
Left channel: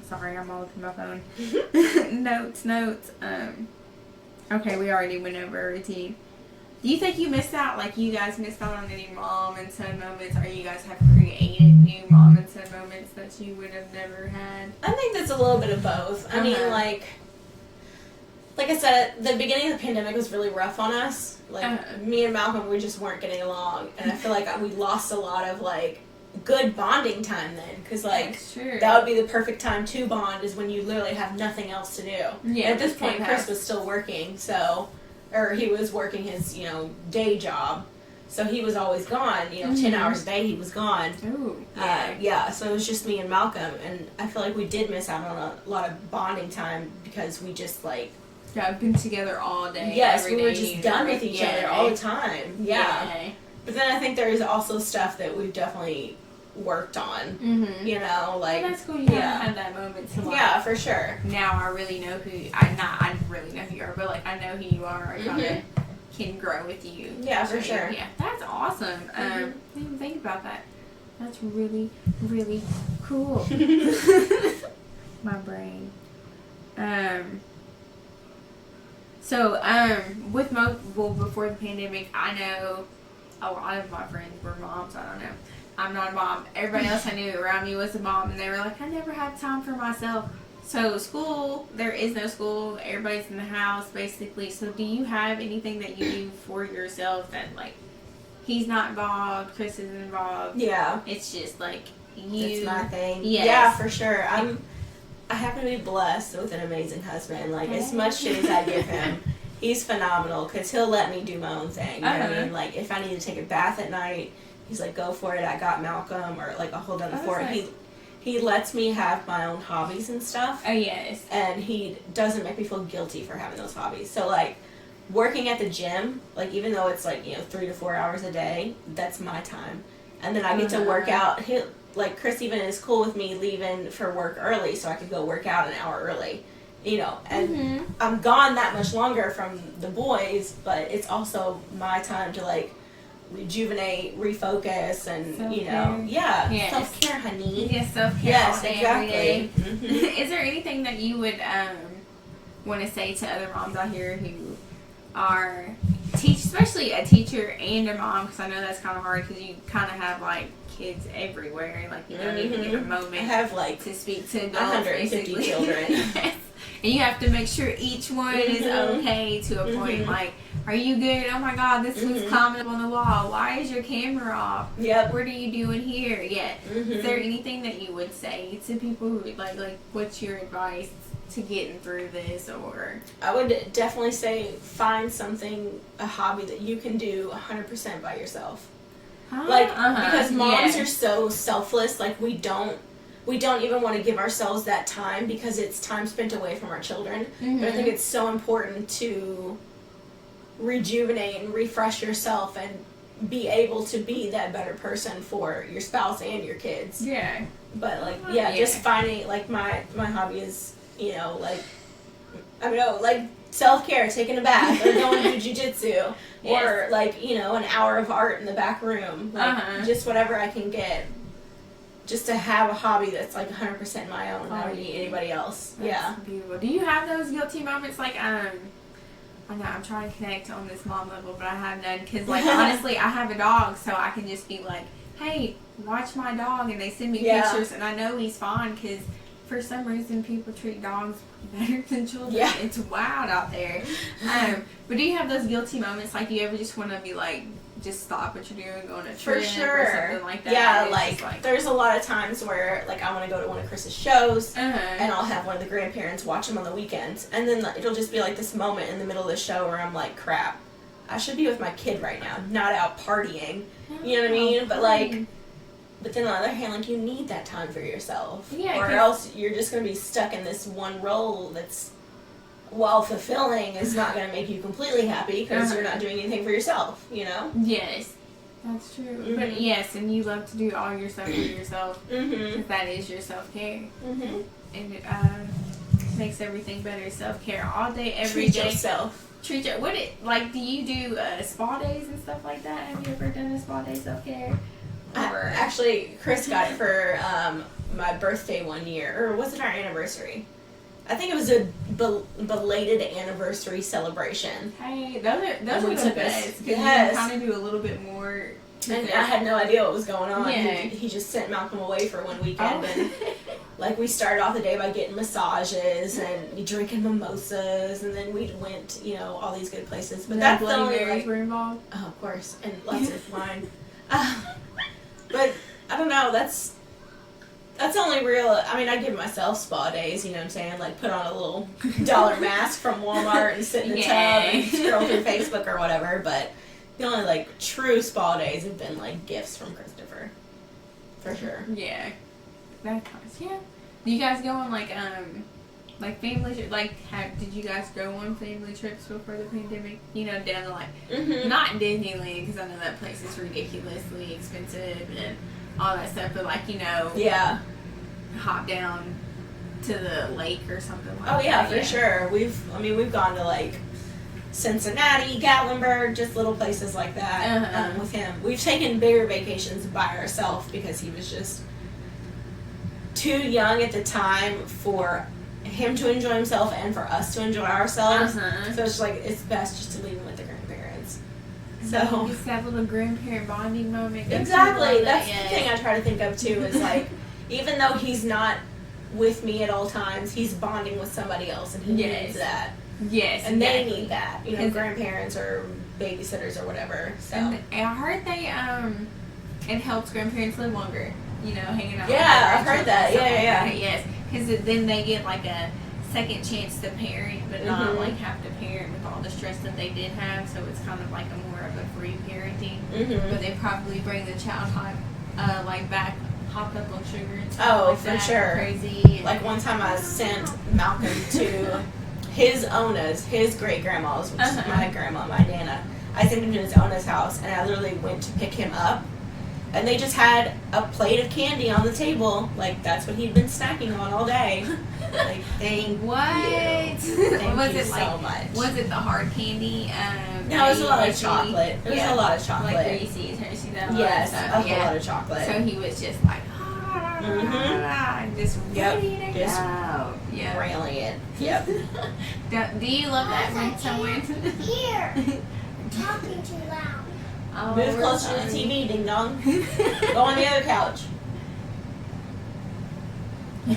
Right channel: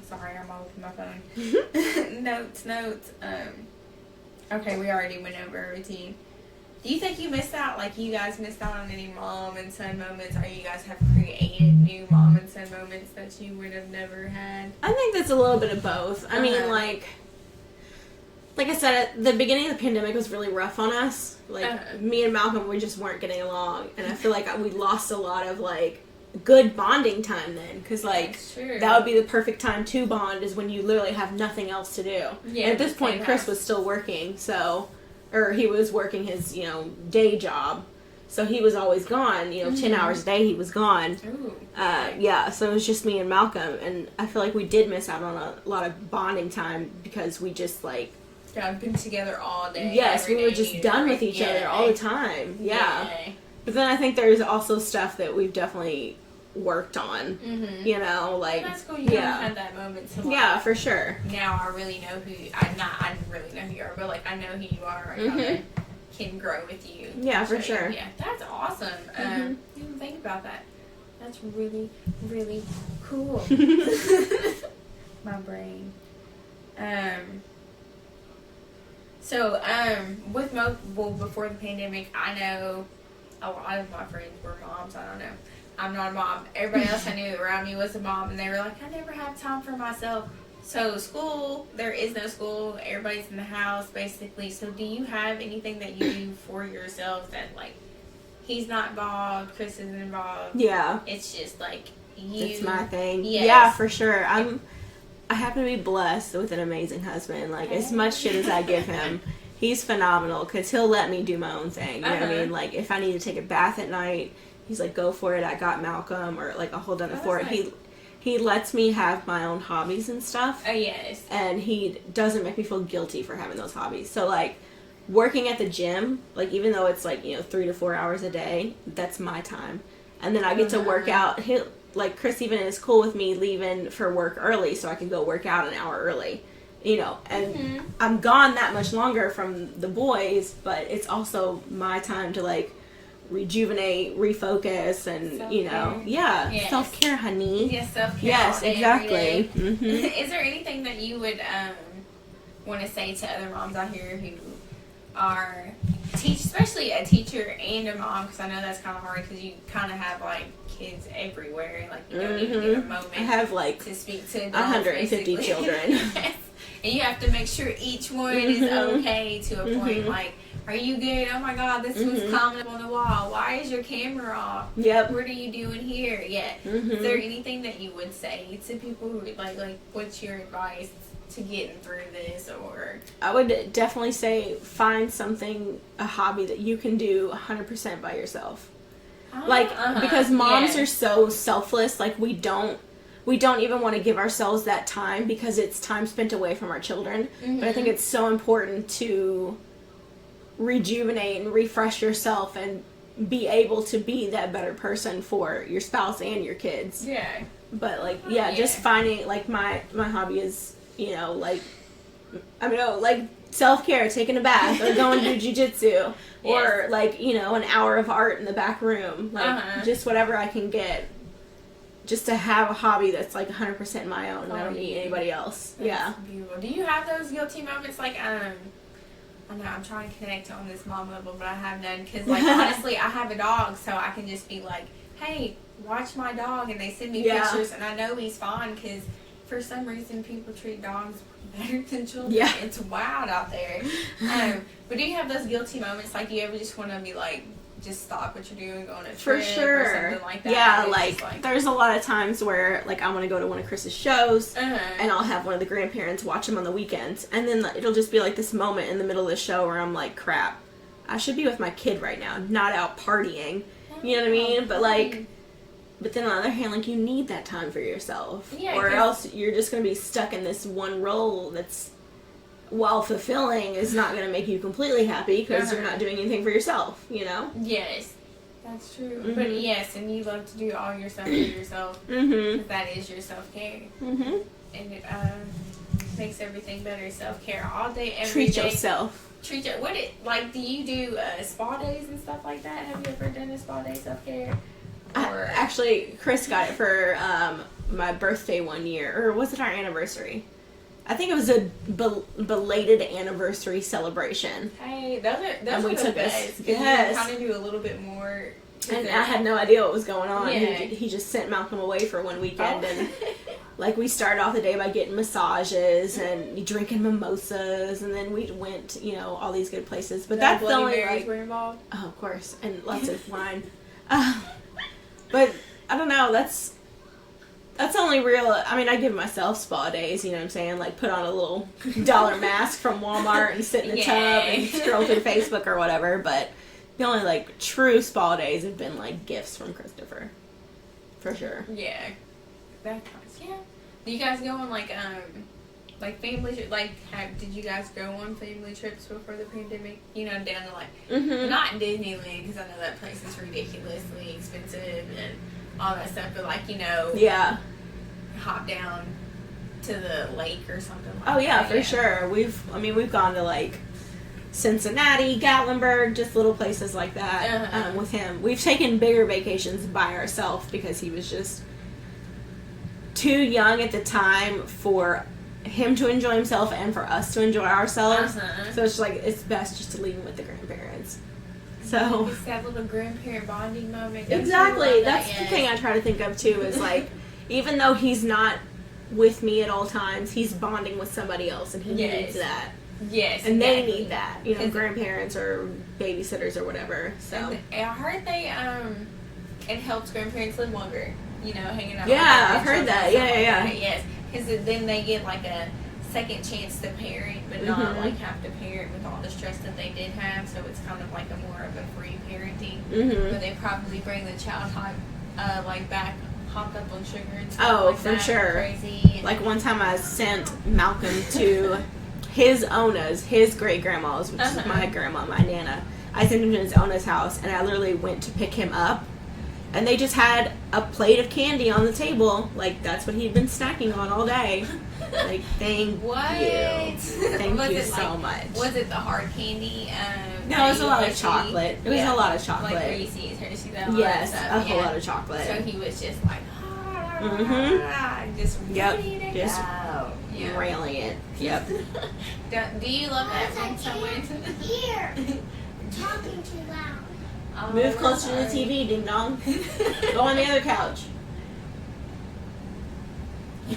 Sorry, I'm all looking at my phone. Notes. Okay, we already went over routine. Do you think you missed out, like you guys missed out on any mom and son moments, or you guys have created new mom and son moments that you would have never had? I think that's a little bit of both. I mean, like I said, the beginning of the pandemic was really rough on us. Like, me and Malcolm, we just weren't getting along. And I feel like we lost a lot of, like, good bonding time then. Because, like, True. that would be the perfect time to bond, is when you literally have nothing else to do. Yeah, And at this the point, same Chris house. was still working, so... Or he was working his, day job. So he was always gone. 10 hours a day he was gone. Ooh. Yeah, so it was just me and Malcolm. And I feel like we did miss out on a lot of bonding time because we just, like... Yeah, I've been together all day. Yes, every we were day, just done with each other all the time. Yeah. But then I think there's also stuff that we've definitely worked on. Mm-hmm. Like... Well, that's cool. You yeah. haven't had that moment to, like... Yeah, for sure. Now I really know who... I really know who you are, but, like, I know who you are. I kind of can grow with you. Yeah, for So, sure. Yeah, that's awesome. I didn't even think about that. That's really, really cool. My brain. So, with before the pandemic, I know a lot of my friends were moms. I don't know. I'm not a mom. Everybody else I knew around me was a mom, and they were like, I never have time for myself. So, school, there is no school. Everybody's in the house, basically. So, do you have anything that you do for yourself that, like, he's not involved, Chris isn't involved? Yeah. It's just, like, you. It's my thing. Yes. Yeah, for sure. I happen to be blessed with an amazing husband. Like, as much shit as I give him, he's phenomenal because he'll let me do my own thing. You know what I mean? Like, if I need to take a bath at night, he's like, go for it. I got Malcolm. Or, like, I'll hold down the fort. Nice. He lets me have my own hobbies and stuff. Oh, yes. And he doesn't make me feel guilty for having those hobbies. So, like, working at the gym, like, even though it's, like, 3 to 4 hours a day, that's my time. And then I get to work out. Like, Chris even is cool with me leaving for work early so I can go work out an hour early. And I'm gone that much longer from the boys, but it's also my time to, like, rejuvenate, refocus, and, Self-care. Yes. self-care, honey. Yes, self-care. Yes, all day, exactly. every day. Mhm. Is there anything that you would want to say to other moms out here who are especially a teacher and a mom? Because I know that's kind of hard because you kind of have like kids everywhere, and like you don't even get a moment I have, like, to speak to adults, 150 basically. children. And you have to make sure each one is okay to a point. Like, are you good? Oh my God, this one's commenting on the wall. Why is your camera off? Yep. What are you doing here? Yeah. Is there anything that you would say to people who like what's your advice to getting through this? Or I would definitely say find a hobby that you can do 100% by yourself. Like, because moms are so selfless, like, we don't even want to give ourselves that time because it's time spent away from our children. But I think it's so important to rejuvenate and refresh yourself and be able to be that better person for your spouse and your kids. Yeah. But, like, just finding, like, my hobby is, like, I don't know, like, self-care, taking a bath, or going to jiu-jitsu, or, like, an hour of art in the back room. Like, just whatever I can get. Just to have a hobby that's, like, 100% my own. I don't need anybody else. That's beautiful. Do you have those guilty moments? Like, I know I'm trying to connect on this mom level, but I have none. Because, like, honestly, I have a dog, so I can just be like, hey, watch my dog. And they send me pictures, and I know he's fine because for some reason people treat dogs better than children. Yeah. It's wild out there. But do you have those guilty moments? Like, do you ever just want to be like, just stop what you're doing, go on a For trip sure. or something like that? Yeah, It's like, just there's a lot of times where, like, I want to go to one of Chris's shows, and and I'll have one of the grandparents watch him on the weekends, and then it'll just be, like, this moment in the middle of the show where I'm like, crap, I should be with my kid right now, not out partying, you know what I mean? But, like, but then on the other hand, like, you need that time for yourself, Yeah, or 'cause- else you're just going to be stuck in this one role that's while fulfilling, is not going to make you completely happy because Uh-huh. you're not doing anything for yourself, you know? Yes, that's true. Mhm. But yes, and you love to do all your stuff for yourself. Mm-hmm. 'Cause that is your self-care. Mm-hmm. And it makes everything better. Self-care all day, every Treat day. yourself. Treat your, what it, like, do you do spa days and stuff like that? Have you ever done a spa day self-care? Or Actually, Chris got it for my birthday one year, or was it our anniversary? I think it was a belated anniversary celebration. hey, those And are we the took best. us- Because yes. you kind of do a little bit more. To And the- I had no idea what was going on. Yeah. He just sent Malcolm away for one weekend, Oh. and like we started off the day by getting massages and drinking mimosas, and then we went, you know, all these good places. But No that's the Bloody only, Marys like, were involved. oh, of course, and lots of wine. But I don't know. That's the only real. I mean, I give myself spa days. You know what I'm saying? Like put on a little $1 mask from Walmart and sit in the tub and Yay. scroll through Facebook or whatever. But the only like true spa days have been like gifts from Christopher, for sure. Yeah, that counts. Yeah. Do you guys go on like family did you guys go on family trips before the pandemic? You know, down to like Mm-hmm. not Disneyland because I know that place is ridiculously expensive and all that stuff, but like, you know, Yeah. hop down to the lake or something like Oh yeah, that. for sure. We've gone to like Cincinnati, Gatlinburg, just little places like that Uh-huh. with him. We've taken bigger vacations by ourselves because he was just too young at the time for him to enjoy himself and for us to enjoy ourselves. Uh-huh. So it's like it's best just to leave him with the grandparents. So So just that little grandparent bonding moment. Don't you exactly, love that? that's Yes. the thing I try to think of too. Is like even though he's not with me at all times, he's bonding with somebody else, and he Yes. needs that. Yes, And they exactly. need that, you know, Is- grandparents or babysitters or whatever. So And I heard they it helps grandparents live longer. You know, hanging out. with Yeah, their I've heard grandchildren that. and stuff Yeah, like yeah. that. Yes, because then they get like a second chance to parent, but not Mhm. like have to parent with all the stress that they did have. So it's kind of like a more of a free parenting. Mhm. But they probably bring the child like back hopped up on sugar and stuff. Oh, like for that. sure. Crazy. And, Like one time I sent Malcolm to his Ona's, his great grandma's, which is Uh-huh. my grandma, my nana. I sent him to his Ona's house, and I literally went to pick him up, and they just had a plate of candy on the table. Like that's what he'd been snacking on all day. Like thank what? you. Thank was you it like? so much. Was it the hard candy? No, it was a lot of Hershey? chocolate. It was a lot of chocolate. Like Reese's, Hershey, that lot Yes, of stuff. a whole yeah. lot of chocolate. So he was just like, just Yep, ready to just go. Yeah. Railing it. Yep. Do you love that when someone? Here. Talking too loud. Oh, Move we're closer to the sorry. TV, ding dong. Go on the other couch. Yeah. I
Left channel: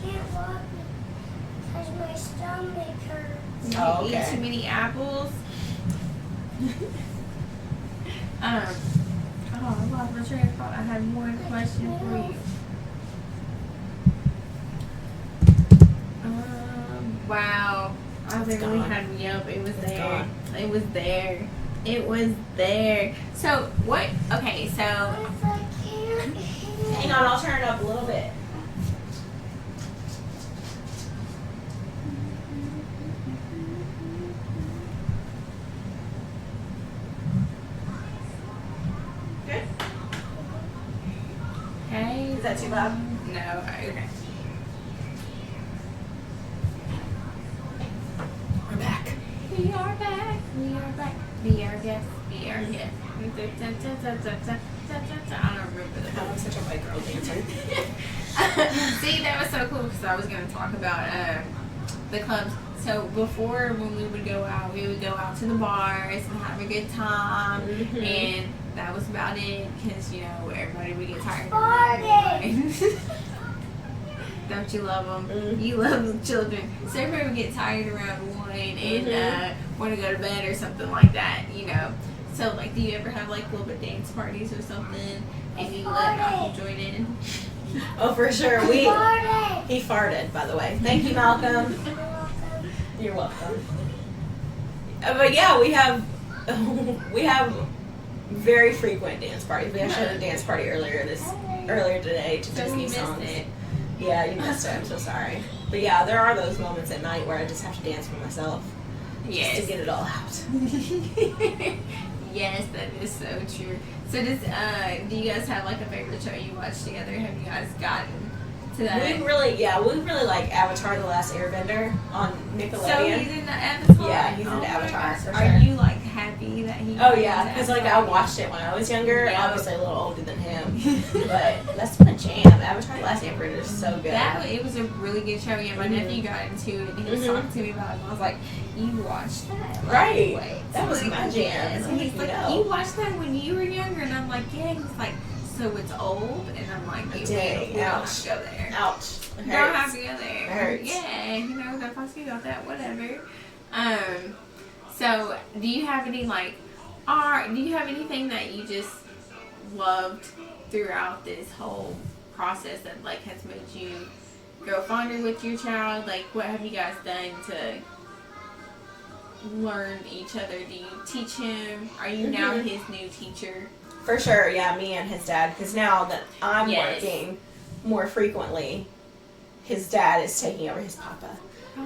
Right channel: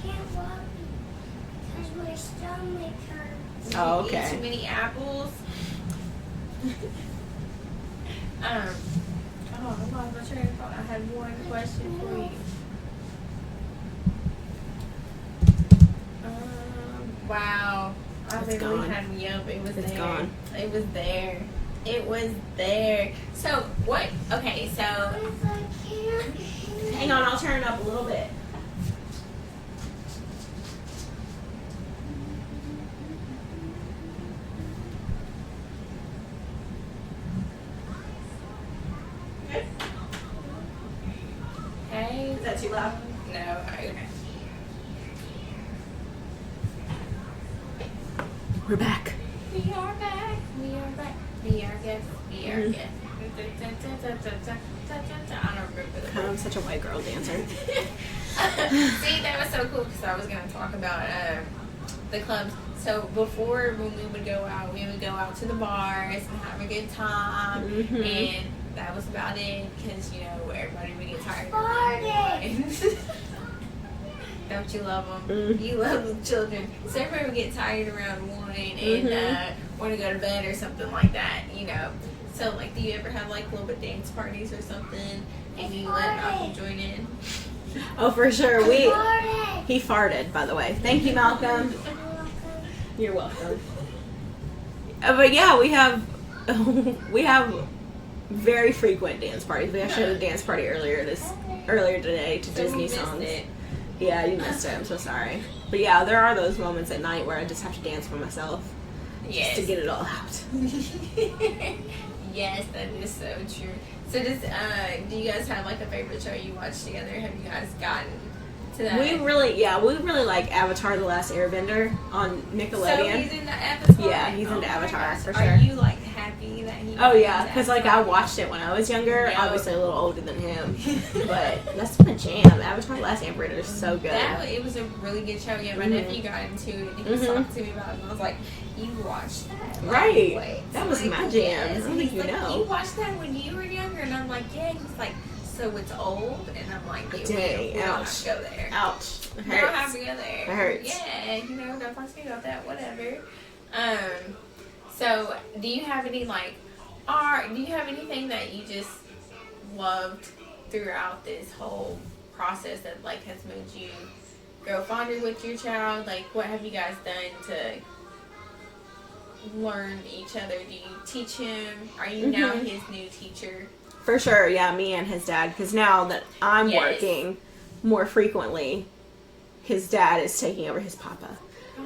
can't walk because my stomach hurts. You Oh, eat okay. too many apples. Oh, I lost my train of thought. I had one question for you. Wow. I It's literally gone. had me up. It was It's there. gone. It was there. It was there. So, what? Okay, so. What if I can't? Hang on, I'll turn it up a little bit. Hey. Is that too loud? No, okay. We're back. We are back. We are back. Be our guest. Be our guest. I don't remember the I'm such a white girl dancer. See, that was so cool because I was going to talk about the clubs. So before, when we would go out to the bars and have a good time, Mhm. and that was about it because you know everybody would get tired. Party. Don't you love them? Mhm. You love the children. So everybody would get tired around 1 and want to go to bed or something like that, you know. So, like, do you ever have, like, little bit dance parties or something and you let Malcolm join in? Oh, for sure. Party. He farted, by the way. Thank you, Malcolm. You're welcome. But yeah, we have very frequent dance parties. We actually had a dance party earlier today to So we Disney missed songs. it. Yeah, you missed it. I'm so sorry. But yeah, there are those moments at night where I just have to dance for myself. Just to get it all out. Yes, that is so true. So do you guys have like a favorite show you watch together? Have you guys gotten to that? We really like Avatar: The Last Airbender on Nickelodeon. So he's in the Avatar? Yeah, he's oh in Avatar for sure. Are you like happy that he Oh yeah, because like I watched it when I was younger, Yeah. obviously a little older than him, but that's been a jam. Avatar: The Last Airbender is so good. It was a really good show. Yeah, my nephew got into it and he was talking to me about it and I was like, you watched that? Right. Wait, That was like, my jam. yes. And he's You like, know. you watched that when you were younger? And I'm like, yeah. And he's like, so it's old? And I'm like, Dang, we don't have ouch. to go there. Ouch. It We don't have hurts. to go there. It hurts. Yeah, you know, don't talk to me about that, whatever. So do you have any do you have anything that you just loved throughout this whole process that like has made you grow fonder with your child? Like what have you guys done to learn each other? Do you teach him? Are you now his new teacher? For sure, yeah, me and his dad, because now that I'm Yes. working more frequently, his dad is taking over. His papa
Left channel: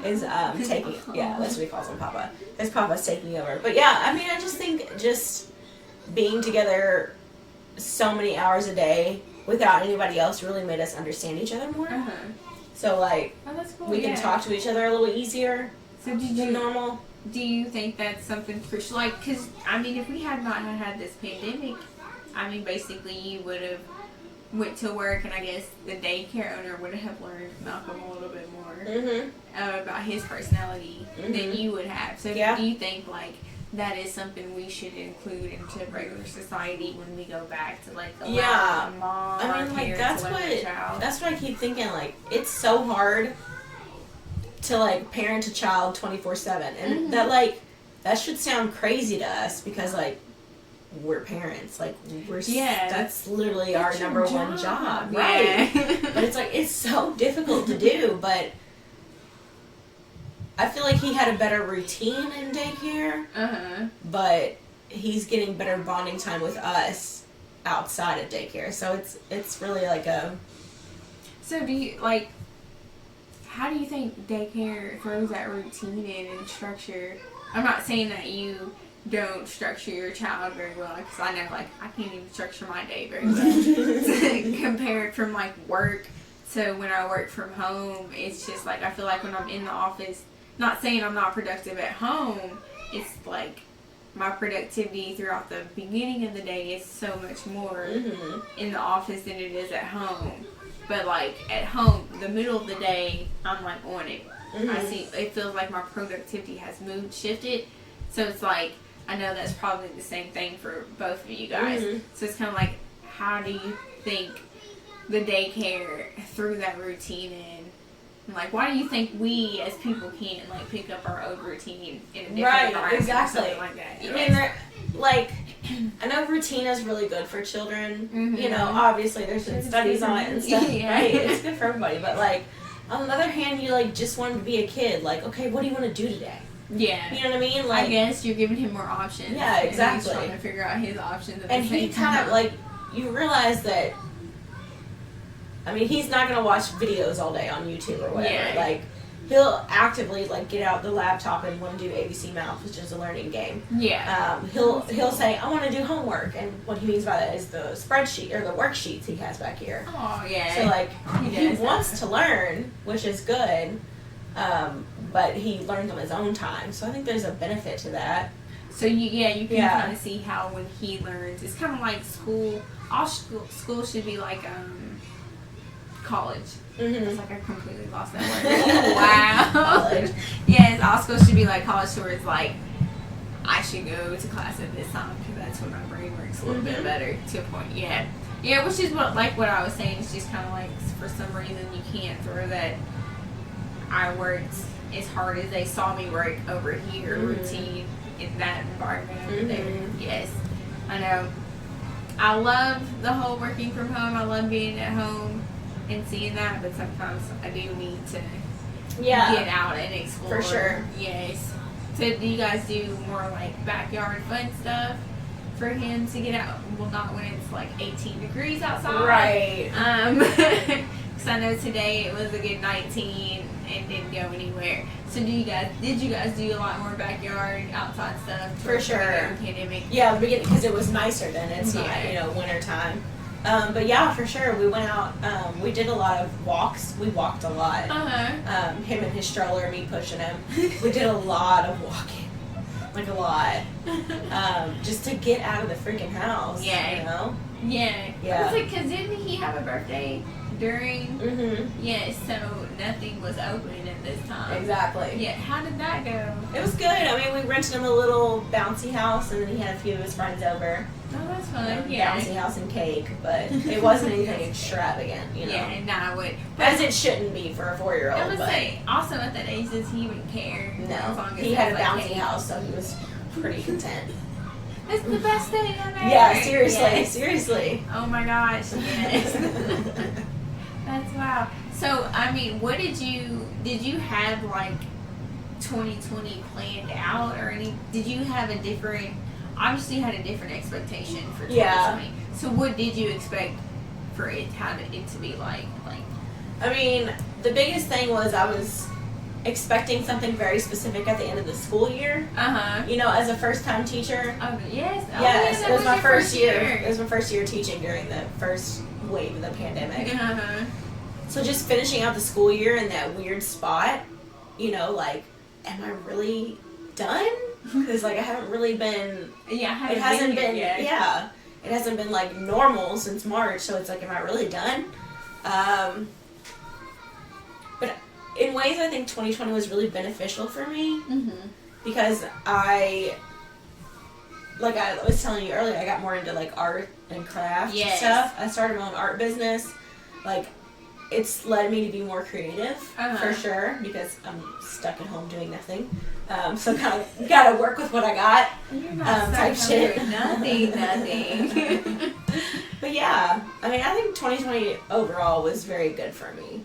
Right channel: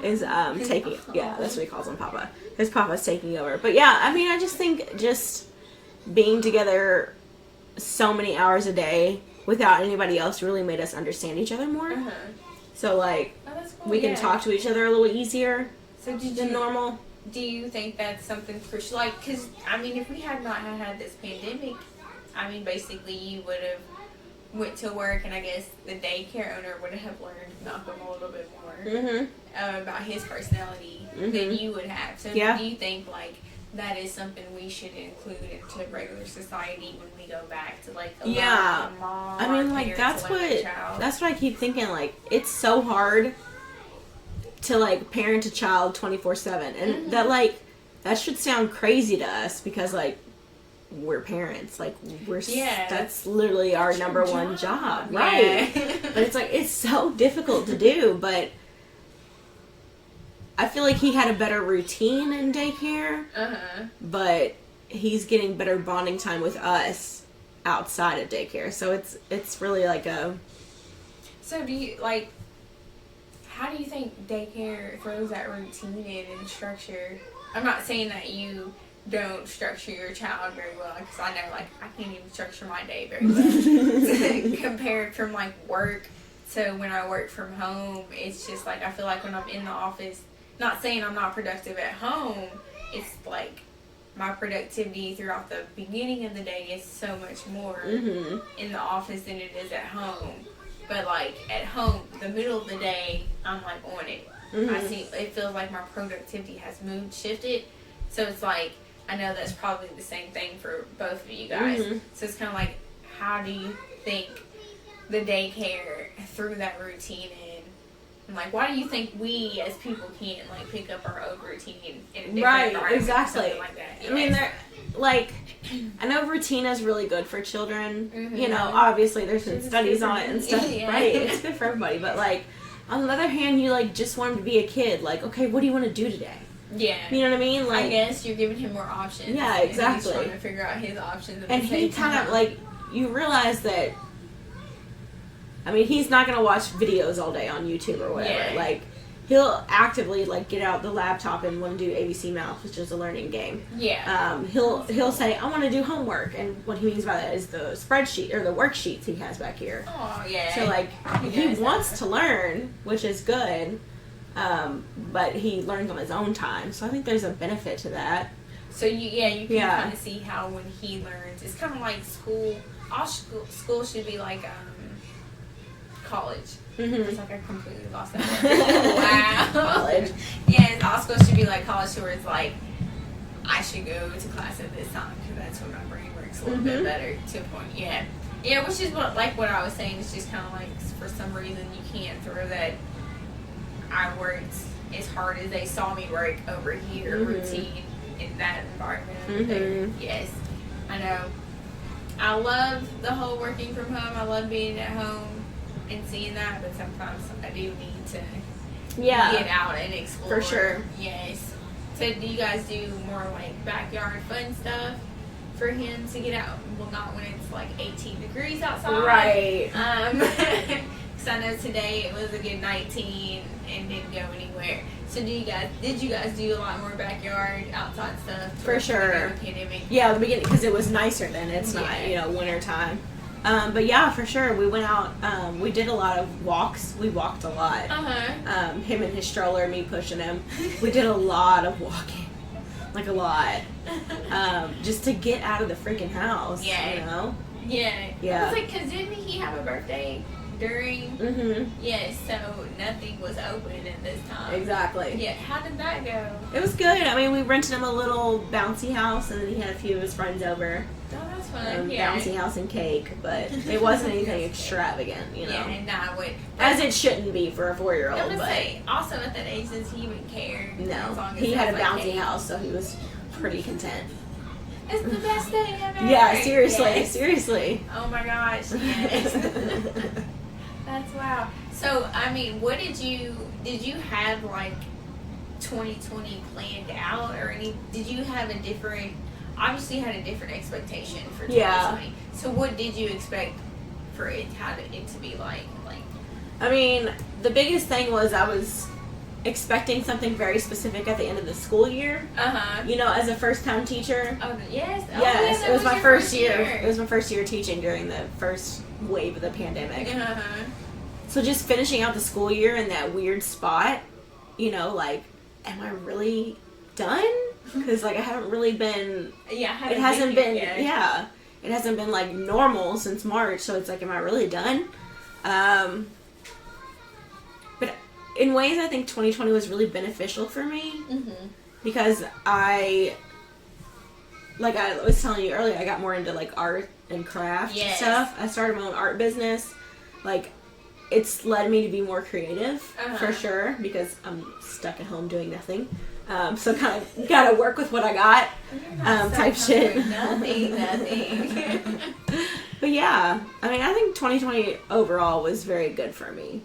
is taking, yeah, that's what he calls him, papa. His papa's taking over. But yeah, I mean, I just think just being together so many hours a day without anybody else really made us understand each other more. Uh-huh. So like, Oh, that's cool. we can talk to each other a little easier So did than you normal. Do you think that's something crucial? Like, because, I mean, if we had not had this pandemic, I mean, basically you would have went to work and I guess the daycare owner would have learned Malcolm a little bit more about his personality than you would have. So Yeah. do you think, like, that is something we should include into regular society when we go back to, like, allowing Yeah. the mom I or mean, like, parents to learn the child? that's what I keep thinking, like, it's so hard to, like, parent a child 24/7, and that, like, that should sound crazy to us, because, like, we're parents, like, that's literally our number one job, right? But it's, like, it's so difficult to do, but I feel like he had a better routine in daycare, but he's getting better bonding time with us outside of daycare, so it's really like a... So do you, like, how do you think daycare throws that routine in and structure? I'm not saying that you don't structure your child very well, because I know, like, I can't even structure my day very well. Compared from, like, work to when I work from home, it's just, like, I feel like when I'm in the office, not saying I'm not productive at home, it's, like, my productivity throughout the beginning of the day is so much more in the office than it is at home. But, like, at home, the middle of the day, I'm, like, on it. I see, it feels like my productivity has shifted. So it's, like, I know that's probably the same thing for both of you guys. So it's kind of like, how do you think the daycare threw that routine in? And, like, why do you think we, as people, can't, like, pick up our own routine in a different environment or something like that? I mean, they're, like, I know routine is really good for children. You know, obviously there's been studies on it and stuff, right? It's good for everybody. But, like, on the other hand, you, like, just want him to be a kid. Like, okay, what do you want to do today? Yeah. You know what I mean? Like, I guess you're giving him more options. Yeah, exactly. And he's trying to figure out his options at and the same he kind time. of, like, you realize that, I mean, he's not going to watch videos all day on YouTube or whatever. Yeah. Like, he'll actively, like, get out the laptop and want to do ABC Math, which is a learning game. Yeah. He'll say, I want to do homework, and what he means by that is the spreadsheet, or the worksheets he has back here. Oh, yeah. So, like, he does wants to learn, which is good, but he learns on his own time. So I think there's a benefit to that. So, you can kind of see how when he learns, it's kind of like school. All school should be like college. It's like I completely lost that word. Wow. College. Yes, all school should be like college, where it's like, I should go to class at this time because that's when my brain works a little bit better to a point. Yeah. Yeah, which is what I was saying. It's just kind of like, for some reason, you can't throw that I worked as hard as they saw me work over here routine in that environment over there. Yes, I know. I love the whole working from home. I love being at home and seeing that, but sometimes I do need to get out and explore. For sure. Yes. So do you guys do more like backyard fun stuff for him to get out? Well, not when it's like 18 degrees outside. Right. Because I know today it was a good 19 and didn't go anywhere. So did you guys do a lot more backyard outside stuff? For sure. Pandemic. Yeah, the beginning, because it was nicer then. It's Yeah. not, winter time. But yeah, for sure. We went out. We did a lot of walks. We walked a lot. Him and his stroller, me pushing him. We did a lot of walking. Like a lot. Just to get out of the freaking house. Yeah. Yeah. Yeah. I was like, because didn't he have a birthday during? Mm-hmm. Yes, so nothing was open at this time. Exactly. Yeah, how did that go? It was good. I mean, we rented him a little bouncy house, and then he had a few of his friends over. Oh, that's fun. Yeah. Bouncy house and cake, but it wasn't anything extravagant, Yeah, and I would. As it shouldn't be for a 4-year-old. I would but say, also at that age, does he even care? As long no, as he it had a has, bouncy cake. house, so he was pretty content. It's the best day ever. Yeah, seriously, Yes. seriously. Oh my gosh, yes. That's wow. So, I mean, what did you have like 2020 planned out or did you have a different, obviously you had a different expectation for 2020. Yeah. So what did you expect for it to be like? I mean, the biggest thing was I was expecting something very specific at the end of the school year. As a first-time teacher. Oh, yes. Oh, Yes, yeah, it was my your first year. It was my first year teaching during the first wave of the pandemic. So just finishing out the school year in that weird spot, am I really done? Because I haven't really been. Yeah, it hasn't been. Yeah, it hasn't been like normal since March. So it's like, am I really done? But in ways, I think 2020 was really beneficial for me because I was telling you earlier, I got more into like art and craft stuff. I started my own art business. It's led me to be more creative for sure because I'm stuck at home doing nothing. So kind of gotta work with what I got. Type shit. Nothing. But yeah, I mean, I think 2020 overall was very good for me.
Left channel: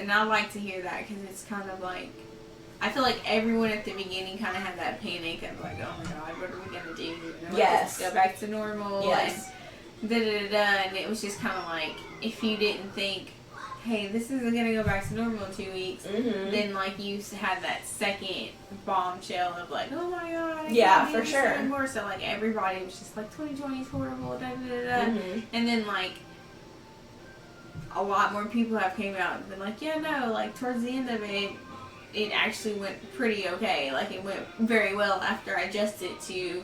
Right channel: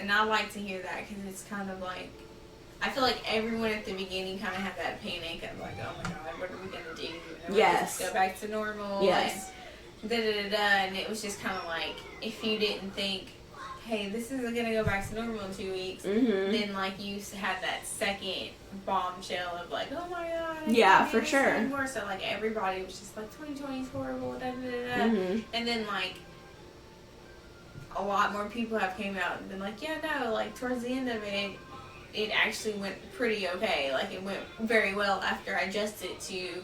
And I like to hear that because it's kind of like, I feel like everyone at the beginning kind of had that panic of like, oh my god, what are we gonna do? Yes. Go back to normal. Yes. And and it was just kind of like, if you didn't think, hey, this isn't gonna go back to normal in 2 weeks, then like you had that second bombshell of like, oh my god, yeah, for sure. Anymore. So like everybody was just like, 2020 is horrible, and then like a lot more people have came out and been like, yeah, no, like towards the end of it, it actually went pretty okay. Like it went very well after I adjusted to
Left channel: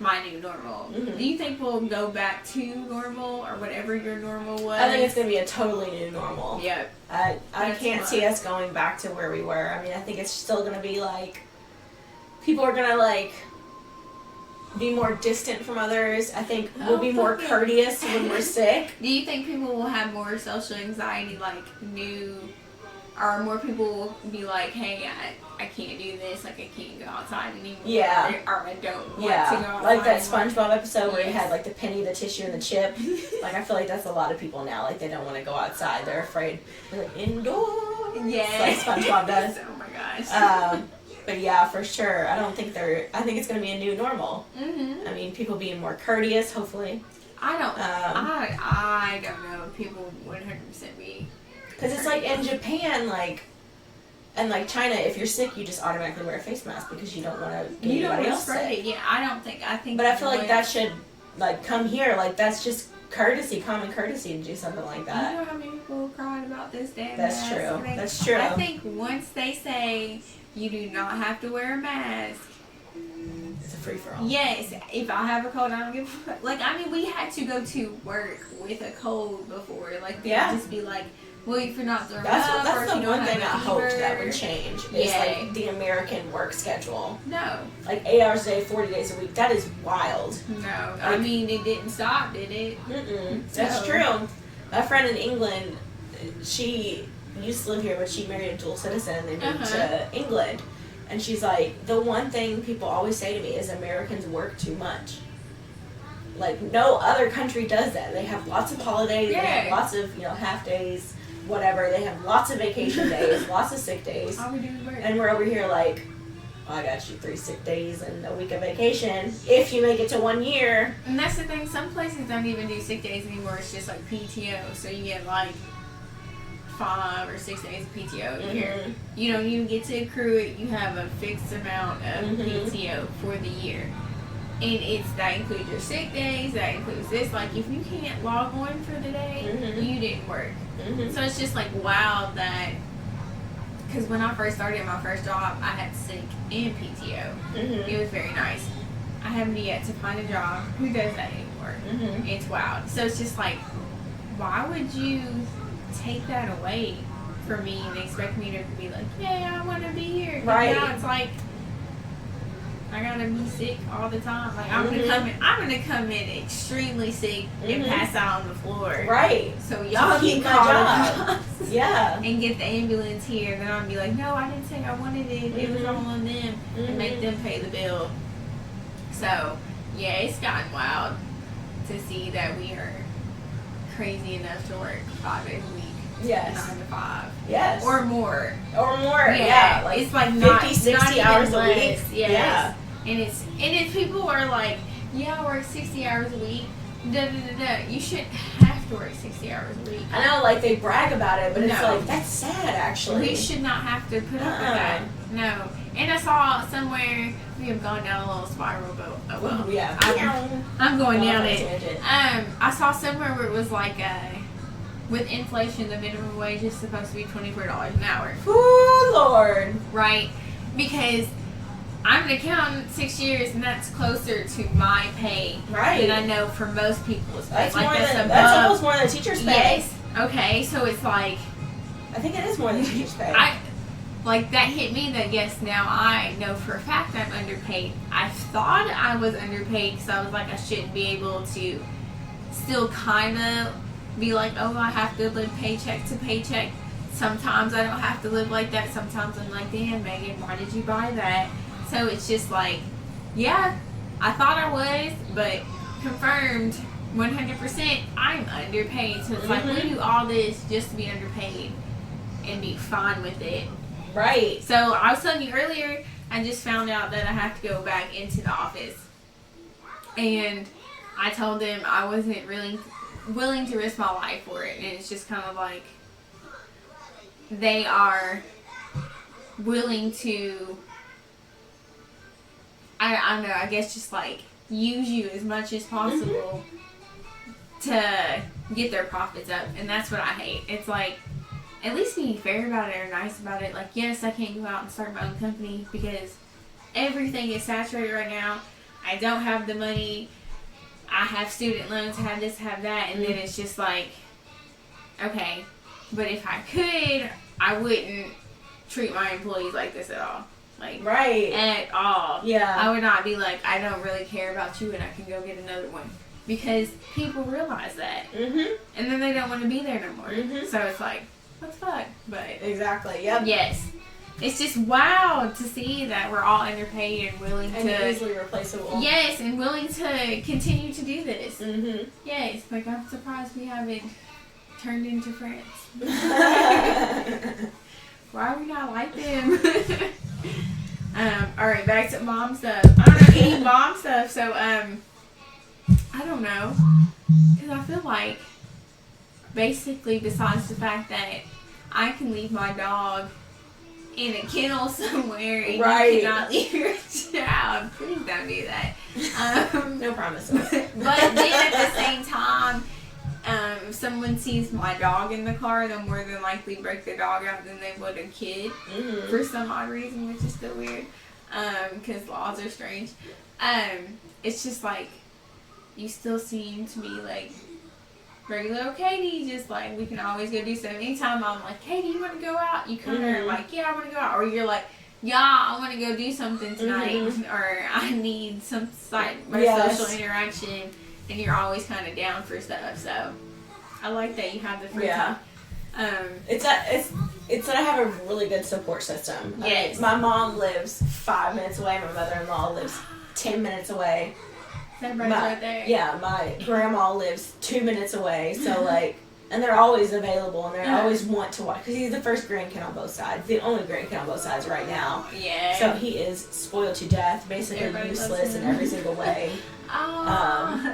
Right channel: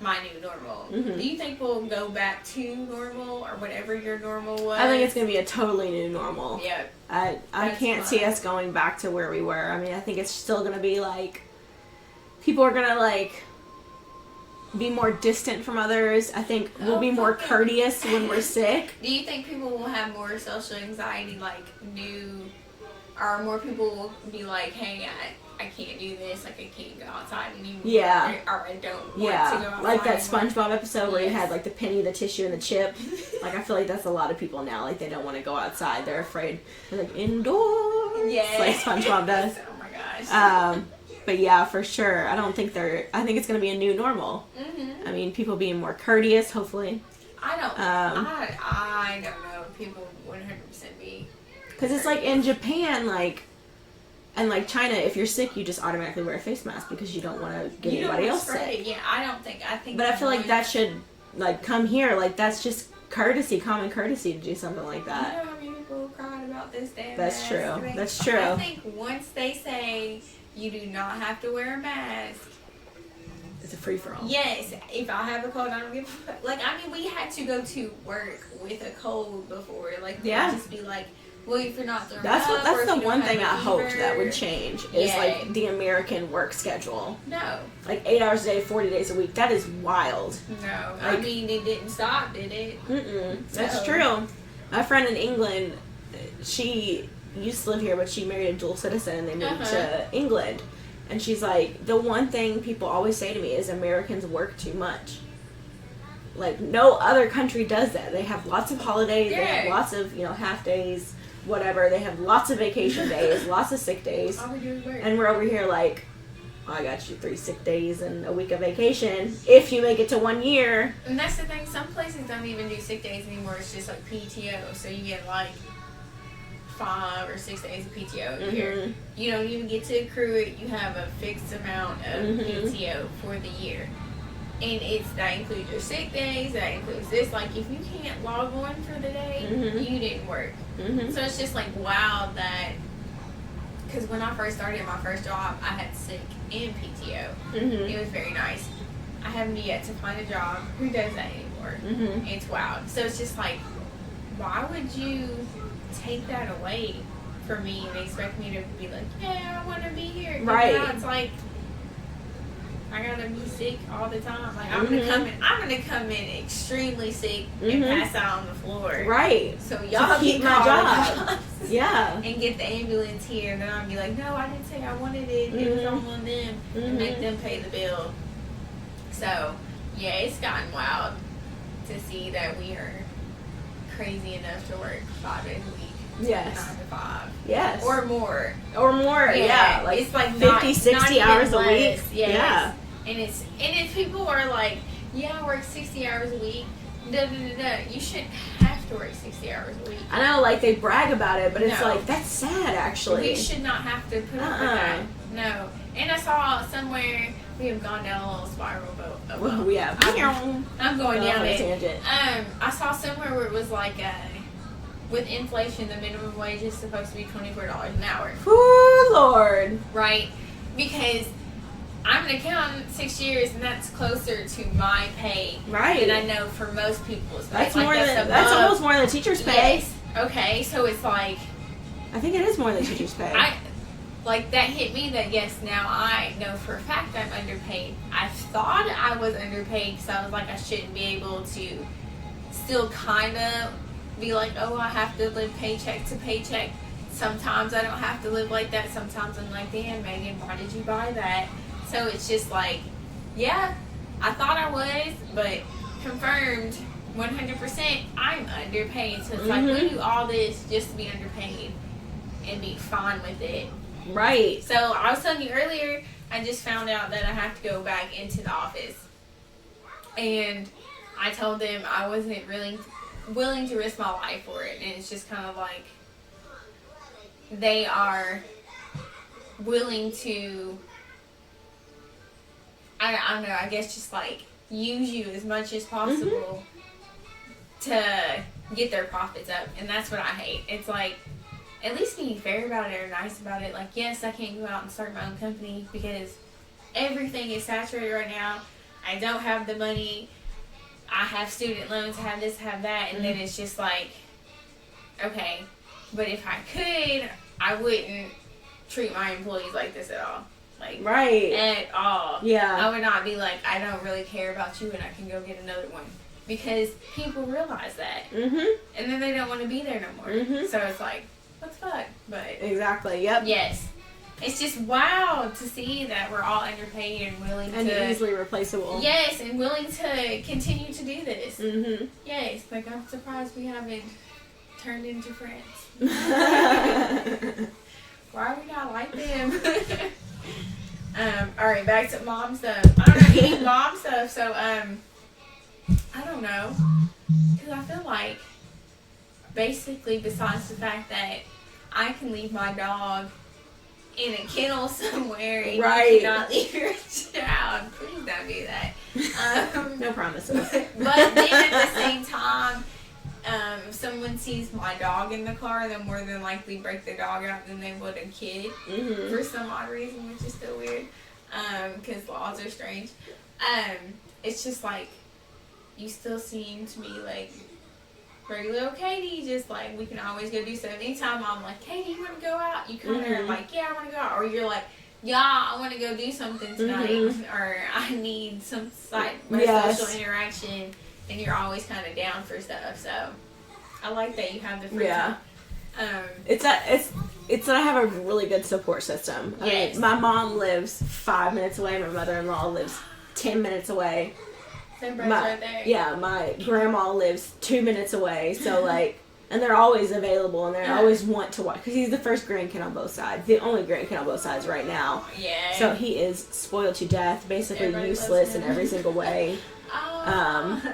my new normal. Do you think we'll go back to normal or whatever your normal was? I think it's going to be a totally new normal. Yep. I can't see us going back to where we were. I mean, I think it's still going to be like, people are going to like be more distant from others. I think we'll be more courteous when we're sick. Do you think people will have more social anxiety, or more people will be like, hey, I can't do this, like I can't go outside anymore. Yeah. Or I don't want to go outside. Like that SpongeBob episode where you had like the penny, the tissue, and the chip. Like I feel like that's a lot of people now. Like they don't want to go outside. They're afraid. They're like indoors. Yes. Like SpongeBob does. Oh my gosh. But yeah, for sure. I think it's going to be a new normal. I mean, people being more courteous, hopefully. I don't know if people would 100% be. Because it's like in Japan, and like China, if you're sick, you just automatically wear a face mask because you don't want to get anybody else sick. Yeah, I think. But I feel like that should come here. Like that's just courtesy, common courtesy to do something like that. You know how many people crying about this damn That's mask? true. That's true. I think once they say you do not have to wear a mask, it's a free for all. yes, if I have a cold, I don't give a fuck. Like, I mean, we had to go to work with a cold before. Like, Yeah. just be like, well, if you're not throwing That's up, or if the you don't one thing have I a hoped fever. that would change. Is Yeah. like the American work schedule. No. Like 8 hours a day, 40 days a week. That is wild. No. I mean, it didn't stop, did it? That's So- true. My friend in England, she used to live here, but she married a dual citizen and they moved to England. And she's like, the one thing people always say to me is Americans work too much. Like, no other country does that. They have lots of holidays, they have lots of, half days, whatever. They have lots of vacation days, lots of sick days. All we do is work. And we're over here like, I got you 3 sick days and a week of vacation if you make it to 1 year. And that's the thing, some places don't even do sick days anymore. It's just like PTO. So you get like 5 or 6 days of PTO a year. You don't even get to accrue it. You have a fixed amount of PTO for the year. And that includes your sick days, that includes this. Like, if you can't log on for the day, you didn't work. So it's just like, wow, that, because when I first started my first job, I had sick and PTO. It was very nice. I haven't yet to find a job who does that anymore. It's wild. So it's just like, why would you take that away from me and expect me to be like, yeah, I want to be here? Right. Now it's like, I gotta be sick all the time. Like, I'm gonna come in extremely sick and pass out on the floor. Right. So y'all keep keep my my job. Yeah. And get the ambulance here, and then I'll be like, no, I didn't say I wanted it. It was all on them, and make them pay the bill. So, yeah, it's gotten wild to see that we are crazy enough to work 5 days a week. Yes. 9 to 5. Yes. Or more. Yeah. Like it's like 50, not 60 not even hours a less. week. Yes. Yeah. And if people are like, yeah, I work 60 hours a week, you shouldn't have to work 60 hours a week. I know, like, they brag about it, but it's No. like, that's sad, actually. We should not have to put up with that. No. And I saw somewhere, we have gone down a little spiral, but Oh, yeah. I'm going down on a it. tangent. I saw somewhere where it was like, with inflation, the minimum wage is supposed to be $24 an hour. Oh, Lord. Right? Because I'm an accountant 6 years, and that's closer to my pay Right. than I know for most people's pay. That's like more that's than, above. that's almost more than teachers pay. Yes. Okay, so it's like, I think it is more than teachers pay. that hit me that yes, now I know for a fact I'm underpaid. I thought I was underpaid because I was like, I shouldn't be able to still kind of be like, oh, I have to live paycheck to paycheck. Sometimes I don't have to live like that. Sometimes I'm like, damn, Megan, why did you buy that? So it's just like, yeah, I thought I was, but confirmed 100% I'm underpaid. So it's like, we do all this just to be underpaid and be fine with it. Right. So I was telling you earlier, I just found out that I have to go back into the office. And I told them I wasn't really willing to risk my life for it. And it's just kind of like, they are willing to, I don't know, I guess just like use you as much as possible to get their profits up. And that's what I hate. It's like, at least be fair about it or nice about it. Like, yes, I can't go out and start my own company because everything is saturated right now. I don't have the money. I have student loans, I have this, I have that. And then it's just like, okay, but if I could, I wouldn't treat my employees like this at all. Like, right. At all. Yeah. I would not be like, I don't really care about you and I can go get another one. Because people realize that. And then they don't want to be there no more. So it's like, what the fuck? But exactly. Yep. yes, it's just wow to see that we're all underpaid and willing to easily replaceable. Yes, and willing to continue to do this. Yes, like I'm surprised we haven't turned into friends. Why are we not like them? All right, back to mom stuff. I don't know any mom stuff, so I don't know, because I feel like basically besides the fact that I can leave my dog in a kennel somewhere and you cannot leave your child. Please don't do that. No promises. But then at the same time, if someone sees my dog in the car, they'll more than likely break the dog out than they would a kid for some odd reason, which is still weird because laws are strange. It's just like, you still seem to be like regular old Katie, just like we can always go do something. Anytime I'm like, Katie, you want to go out? You come here and I'm like, yeah, I want to go out. Or you're like, yeah, I want to go do something tonight, or I need some social interaction, and you're always kind of down for stuff. So I like that you have the free time. It's that I have a really good support system. Yes. My mom lives 5 minutes away. My mother-in-law lives 10 minutes away. Right there. Yeah, my grandma lives 2 minutes away. So like, and they're always available, and they always want to watch because he's the first grandkid on both sides, the only grandkid on both sides right now. Yeah. So he is spoiled to death, basically useless in every single way.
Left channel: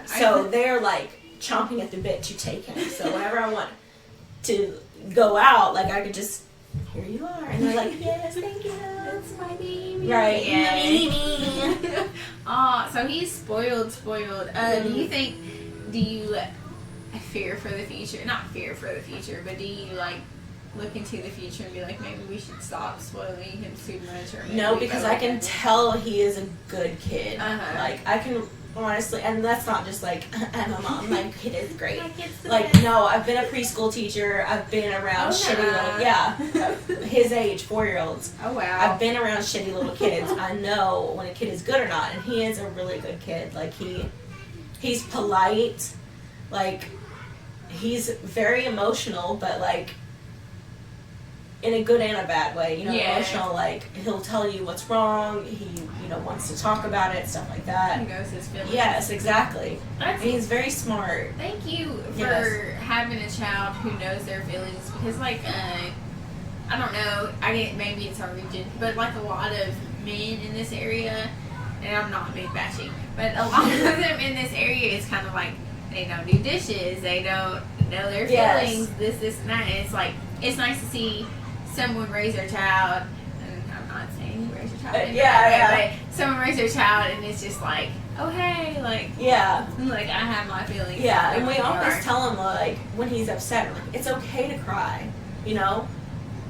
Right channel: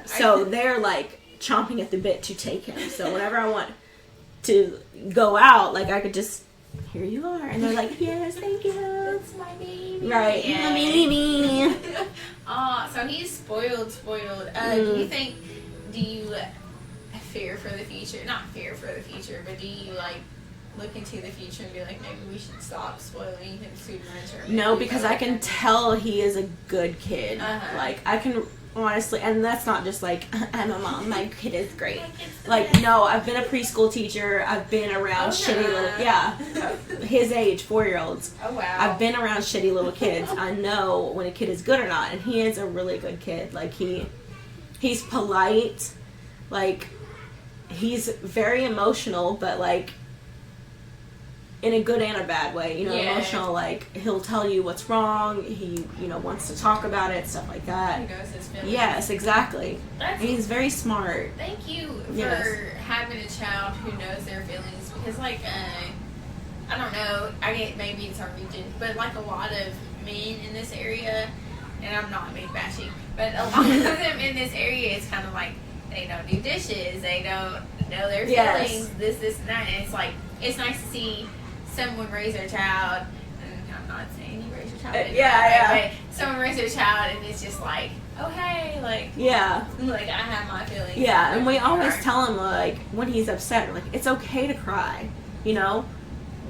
So they're like chomping at the bit to take him. So whenever I want to go out, like I could just, here you are, and they're like, yes, thank you. That's my baby. Right, Yeah. my baby. So he's spoiled. Do you fear for the future? Not fear for the future, but do you like look into the future and be like, maybe we should stop spoiling him too much? Or No, because I can tell he is a good kid. Like, I can honestly, and that's not just like, I'm a mom, my kid is great. Like, no, I've been a preschool teacher. I've been around shitty little, his age, 4-year-olds. Oh, wow. I've been around shitty little kids. I know when a kid is good or not, and he is a really good kid. Like, he's polite. Like, he's very emotional, but like, in a good and a bad way, emotional, like, he'll tell you what's wrong, he, wants to talk about it, stuff like that. He knows his feelings. Yes, exactly. He's very smart. Thank you for having a child who knows their feelings, because, like, I don't know, maybe it's our region, but, like, a lot of men in this area, and I'm not being bashing, but a lot of them in this area is kind of like, they don't do dishes, they don't know their feelings, this, and that, and it's like, it's nice to see someone raise their child, and I'm not saying you raise your child, but someone raise their child, and it's just like, oh hey, like, like I have my feelings. Yeah, and we always tell him, like, when he's upset, like, it's okay to cry,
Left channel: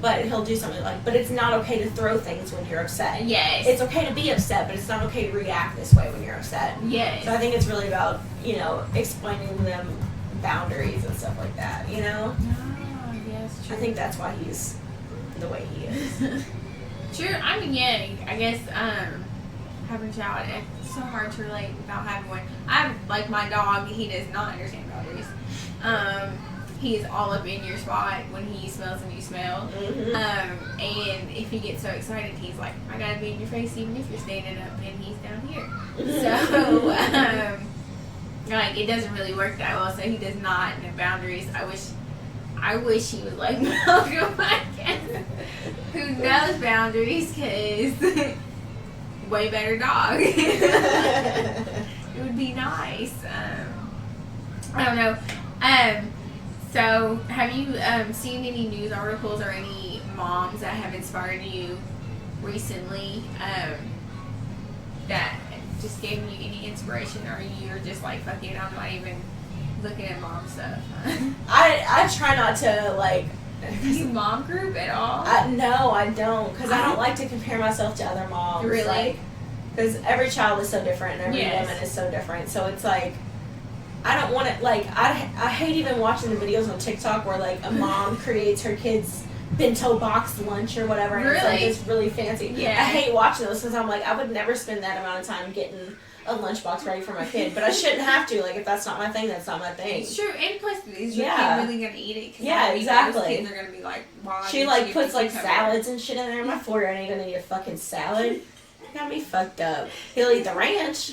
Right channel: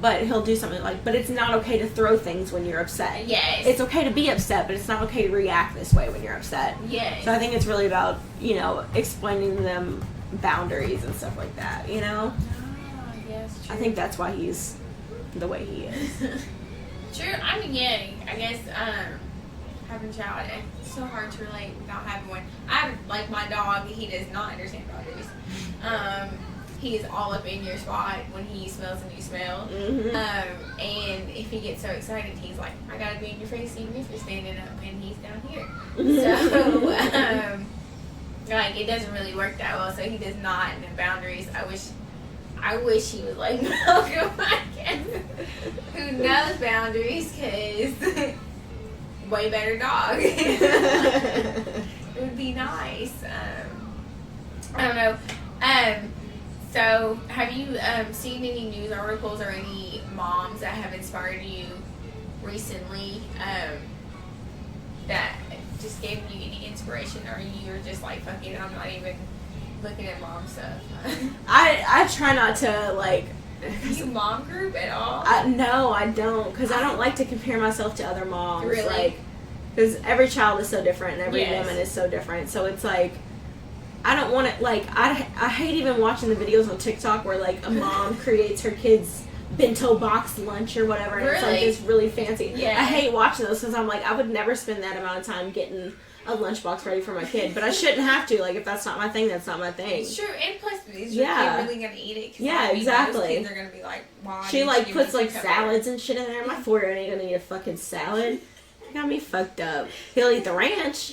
but he'll do something like, but it's not okay to throw things when you're upset. Yes. It's okay to be upset, but it's not okay to react this way when you're upset. Yes. So I think it's really about, explaining to them boundaries and stuff like that, Oh, yes, true. I think that's why he's the way he is. True. I mean, I guess having a child, it's so hard to relate without having one. I have, like, my dog, he does not understand boundaries. He is all up in your spot when he smells a new smell. Mm-hmm. And if he gets so excited, he's like, I gotta be in your face even if you're standing up and he's down here. So, like, it doesn't really work that well, so he does not know boundaries. I wish he would like Malcolm who knows boundaries, because way better dog. It would be nice. I don't know. So have you seen any news articles or any moms that have inspired you recently that just gave you any inspiration, or you were just like, fuck it, I'm not even looking at mom stuff? I try not to, like, Do you mom group at all? No, I don't, because I don't like to compare myself to other moms. Really? Because every child is so different, and every Yes. woman is so different. So it's like, I don't want to, like, I hate even watching the videos on TikTok where, like, a mom creates her kid's bento box lunch or whatever, and it's like it's really fancy. Yeah. I hate watching those because I'm like, I would never spend that amount of time getting a lunchbox ready for my kid, but I shouldn't have to. Like, if that's not my thing, that's not my thing. It's true, and plus, is your kid really gonna eat it? Yeah, exactly. Those kids are gonna be like, why? She, like, puts, like, salads and shit in there. My 4-year-old ain't gonna eat a fucking salad. Got me fucked up. He'll eat the ranch.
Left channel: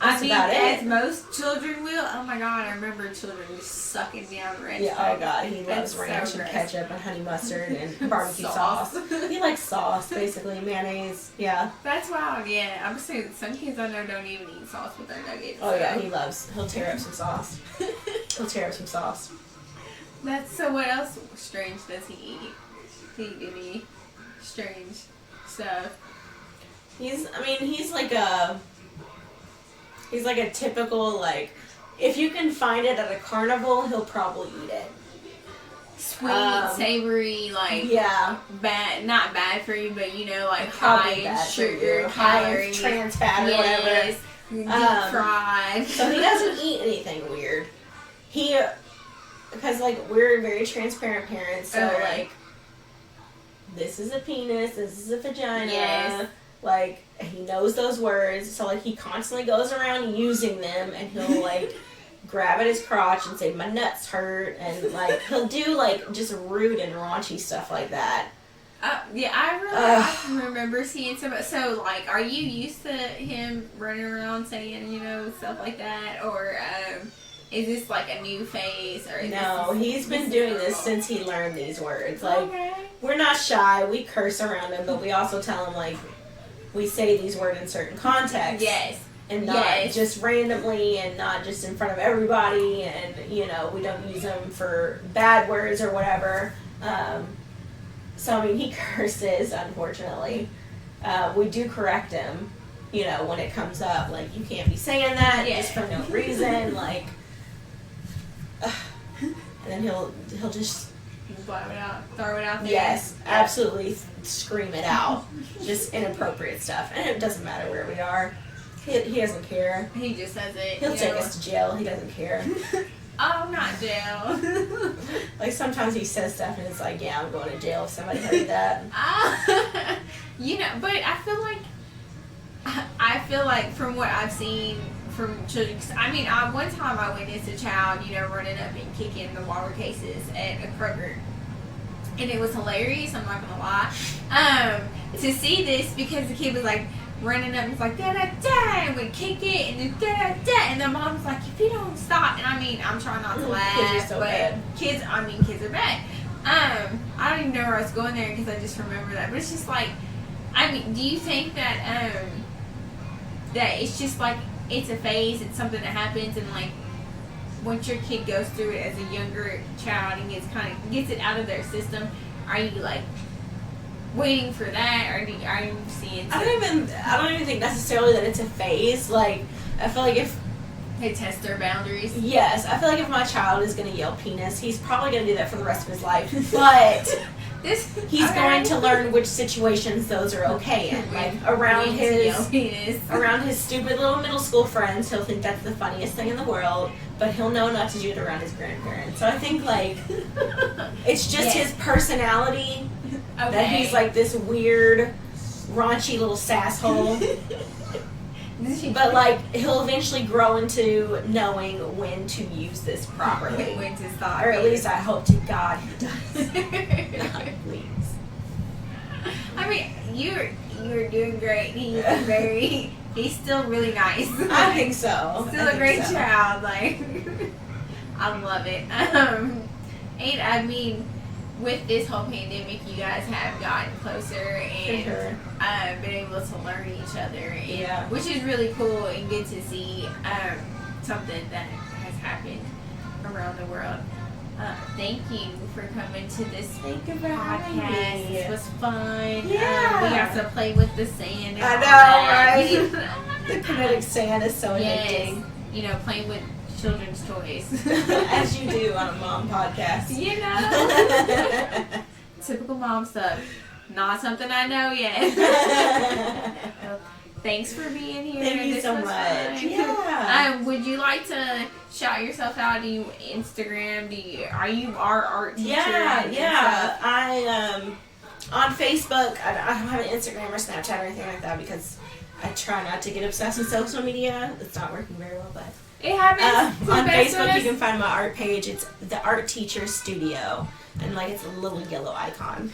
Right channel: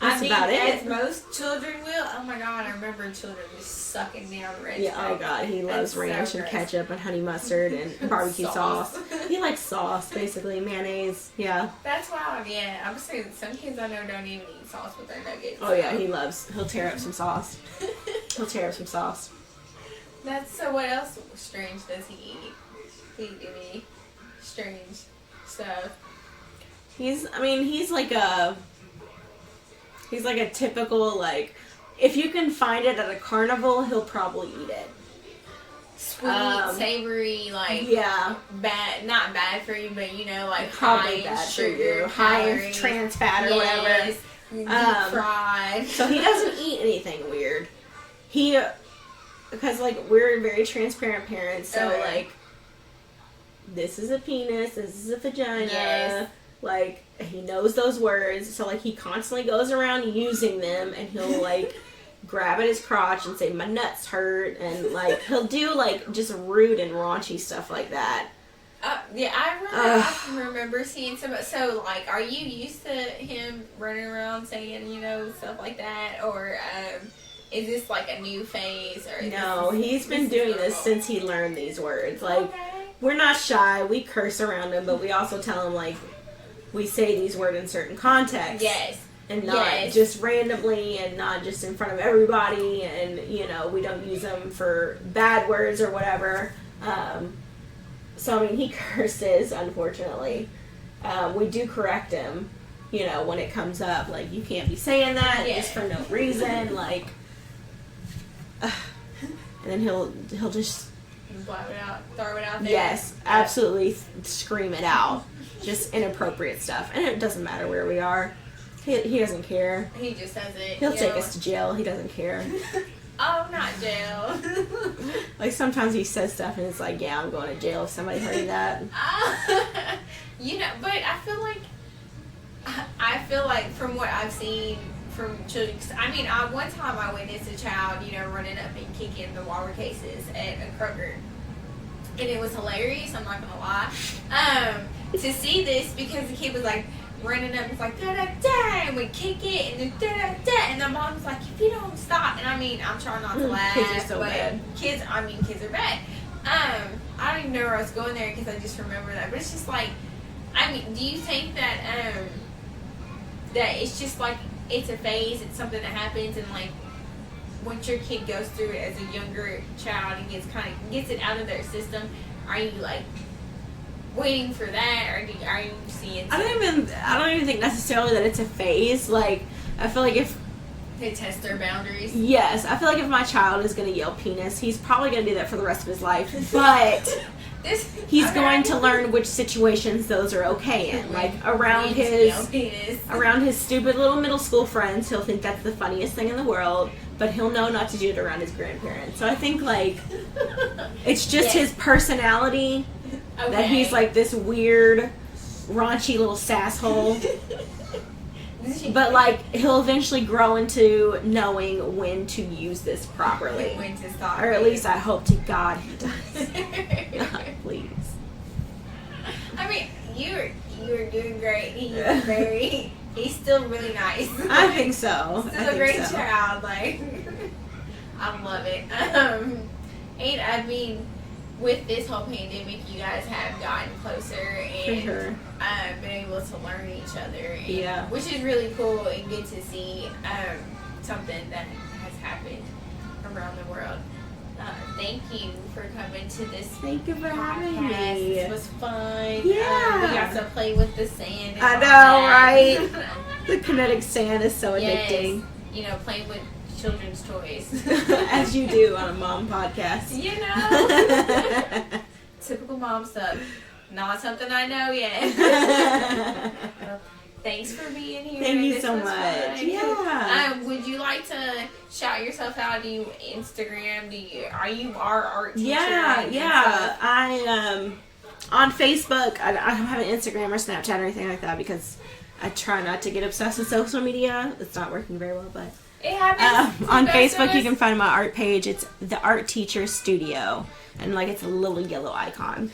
I mean, about it. as most children will. Oh my god, I remember children just sucking down ranch. Yeah, oh god, he loves ranch and ketchup and honey mustard and barbecue sauce. He likes sauce, basically, mayonnaise. Yeah. That's wild. Yeah, I'm saying some kids I know don't even eat sauce with their nuggets. Oh yeah, he'll tear up some sauce. He'll tear up some sauce. That's so. What else strange does he eat? He give me strange stuff. He's like a typical, like, if you can find it at a carnival, he'll probably eat it. Sweet, savory, like, bad, not bad for you, but, like, high in sugar, high in trans fat or whatever. Deep fried. So he doesn't eat anything weird. Because, like, we're very transparent parents, so, like, this is a penis, this is a vagina. Yes. Like, he knows those words, so, like, he constantly goes around using them, and he'll, like, grab at his crotch and say, my nuts hurt, and, like, he'll do, like, just rude and raunchy stuff like that. I remember seeing some, so, like, are you used to him running around saying, stuff like that, or, is this, like, a new phase, or? No, he's been doing this since he learned these words. Like, we're not shy, we curse around him, but we also tell him, like, we say these words in certain contexts. Yes. and not just randomly and not just in front of everybody, and we don't use them for bad words or whatever. So I mean, he curses, unfortunately. We do correct him, when it comes up, like, you can't be saying that just for no reason, like, and then he'll just Blow it out, throw it out there. yes, absolutely scream it out, just inappropriate stuff, and it doesn't matter where we are. He doesn't care. He just says it. He'll take us to jail. He doesn't care. Oh, not jail. Like, sometimes he says stuff and it's like, yeah, I'm going to jail if somebody heard that. But I feel like from what I've seen from children, I mean, one time I witnessed a child, running up and kicking the water cases at a Kroger. And it was hilarious, I'm not gonna lie. To see this, because the kid was like running up and was like, da da da, and would kick it, and then da da da, and the mom's like, if you don't stop, and I mean, I'm trying not to laugh, Kids are so but bad. kids are bad. I don't even know where I was going there because I just remember that, but it's just like, I mean, do you think that that it's just like it's a phase, it's something that happens, and like once your kid goes through it as a younger child and gets it out of their system, are you like waiting for that, or are you seeing? I don't even think necessarily that it's a phase. Like, I feel like if They test their boundaries. yes, I feel like if my child is going to yell penis, he's probably going to do that for the rest of his life. But he's going to learn which situations those are okay in. Like, around his stupid little middle school friends, he'll think that's the funniest thing in the world, but he'll know not to do it around his grandparents. So I think, like, it's just his personality that he's like this weird, raunchy little sasshole. But, like, he'll eventually grow into knowing when to use this properly. When to stop. Or at least I hope to God he does. God, please. I mean, you're doing great. He's still really nice. I think so. Still a great child. Like, I love it. And I mean, with this whole pandemic, you guys have gotten closer and been able to learn each other. And, which is really cool and good to see something that has happened around the world. Thank you for coming to this podcast. This was fun. Yeah. We got to play with the sand. And I all know, that. right? The kinetic sand is so addicting. Yes. Playing with children's toys. As you do on a mom podcast. Typical mom stuff. Not something I know yet. Thanks for being here. Thank you so much. Fun. Yeah. Would you like to shout yourself out? Do you Instagram? Are you our art teacher? Yeah. I on Facebook. I don't have an Instagram or Snapchat or anything like that because I try not to get obsessed with social media. It's not working very well, but it happens. on Facebook you can find my art page. It's the Art Teacher Studio, and like it's a little yellow icon,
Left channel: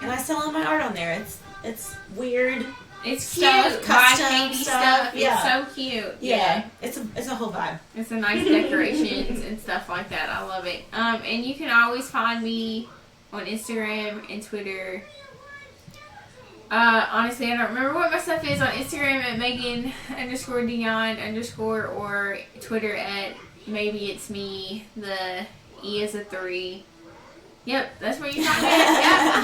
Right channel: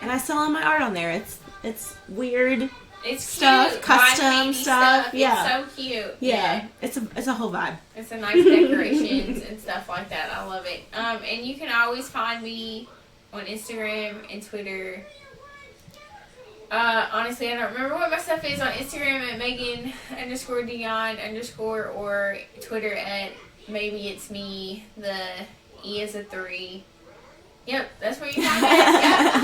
and I sell all my art on there. It's weird. It's cute. Stuff, custom handy stuff. Yeah. It's so cute. Yeah. It's a whole vibe. It's a nice decorations and stuff like that. I love it. And you can always find me on Instagram and Twitter. Honestly, I don't remember what my stuff is on Instagram at Megan_Dion_ or Twitter at maybe it's me. The E is a 3. Yep, that's where you find me. Yeah,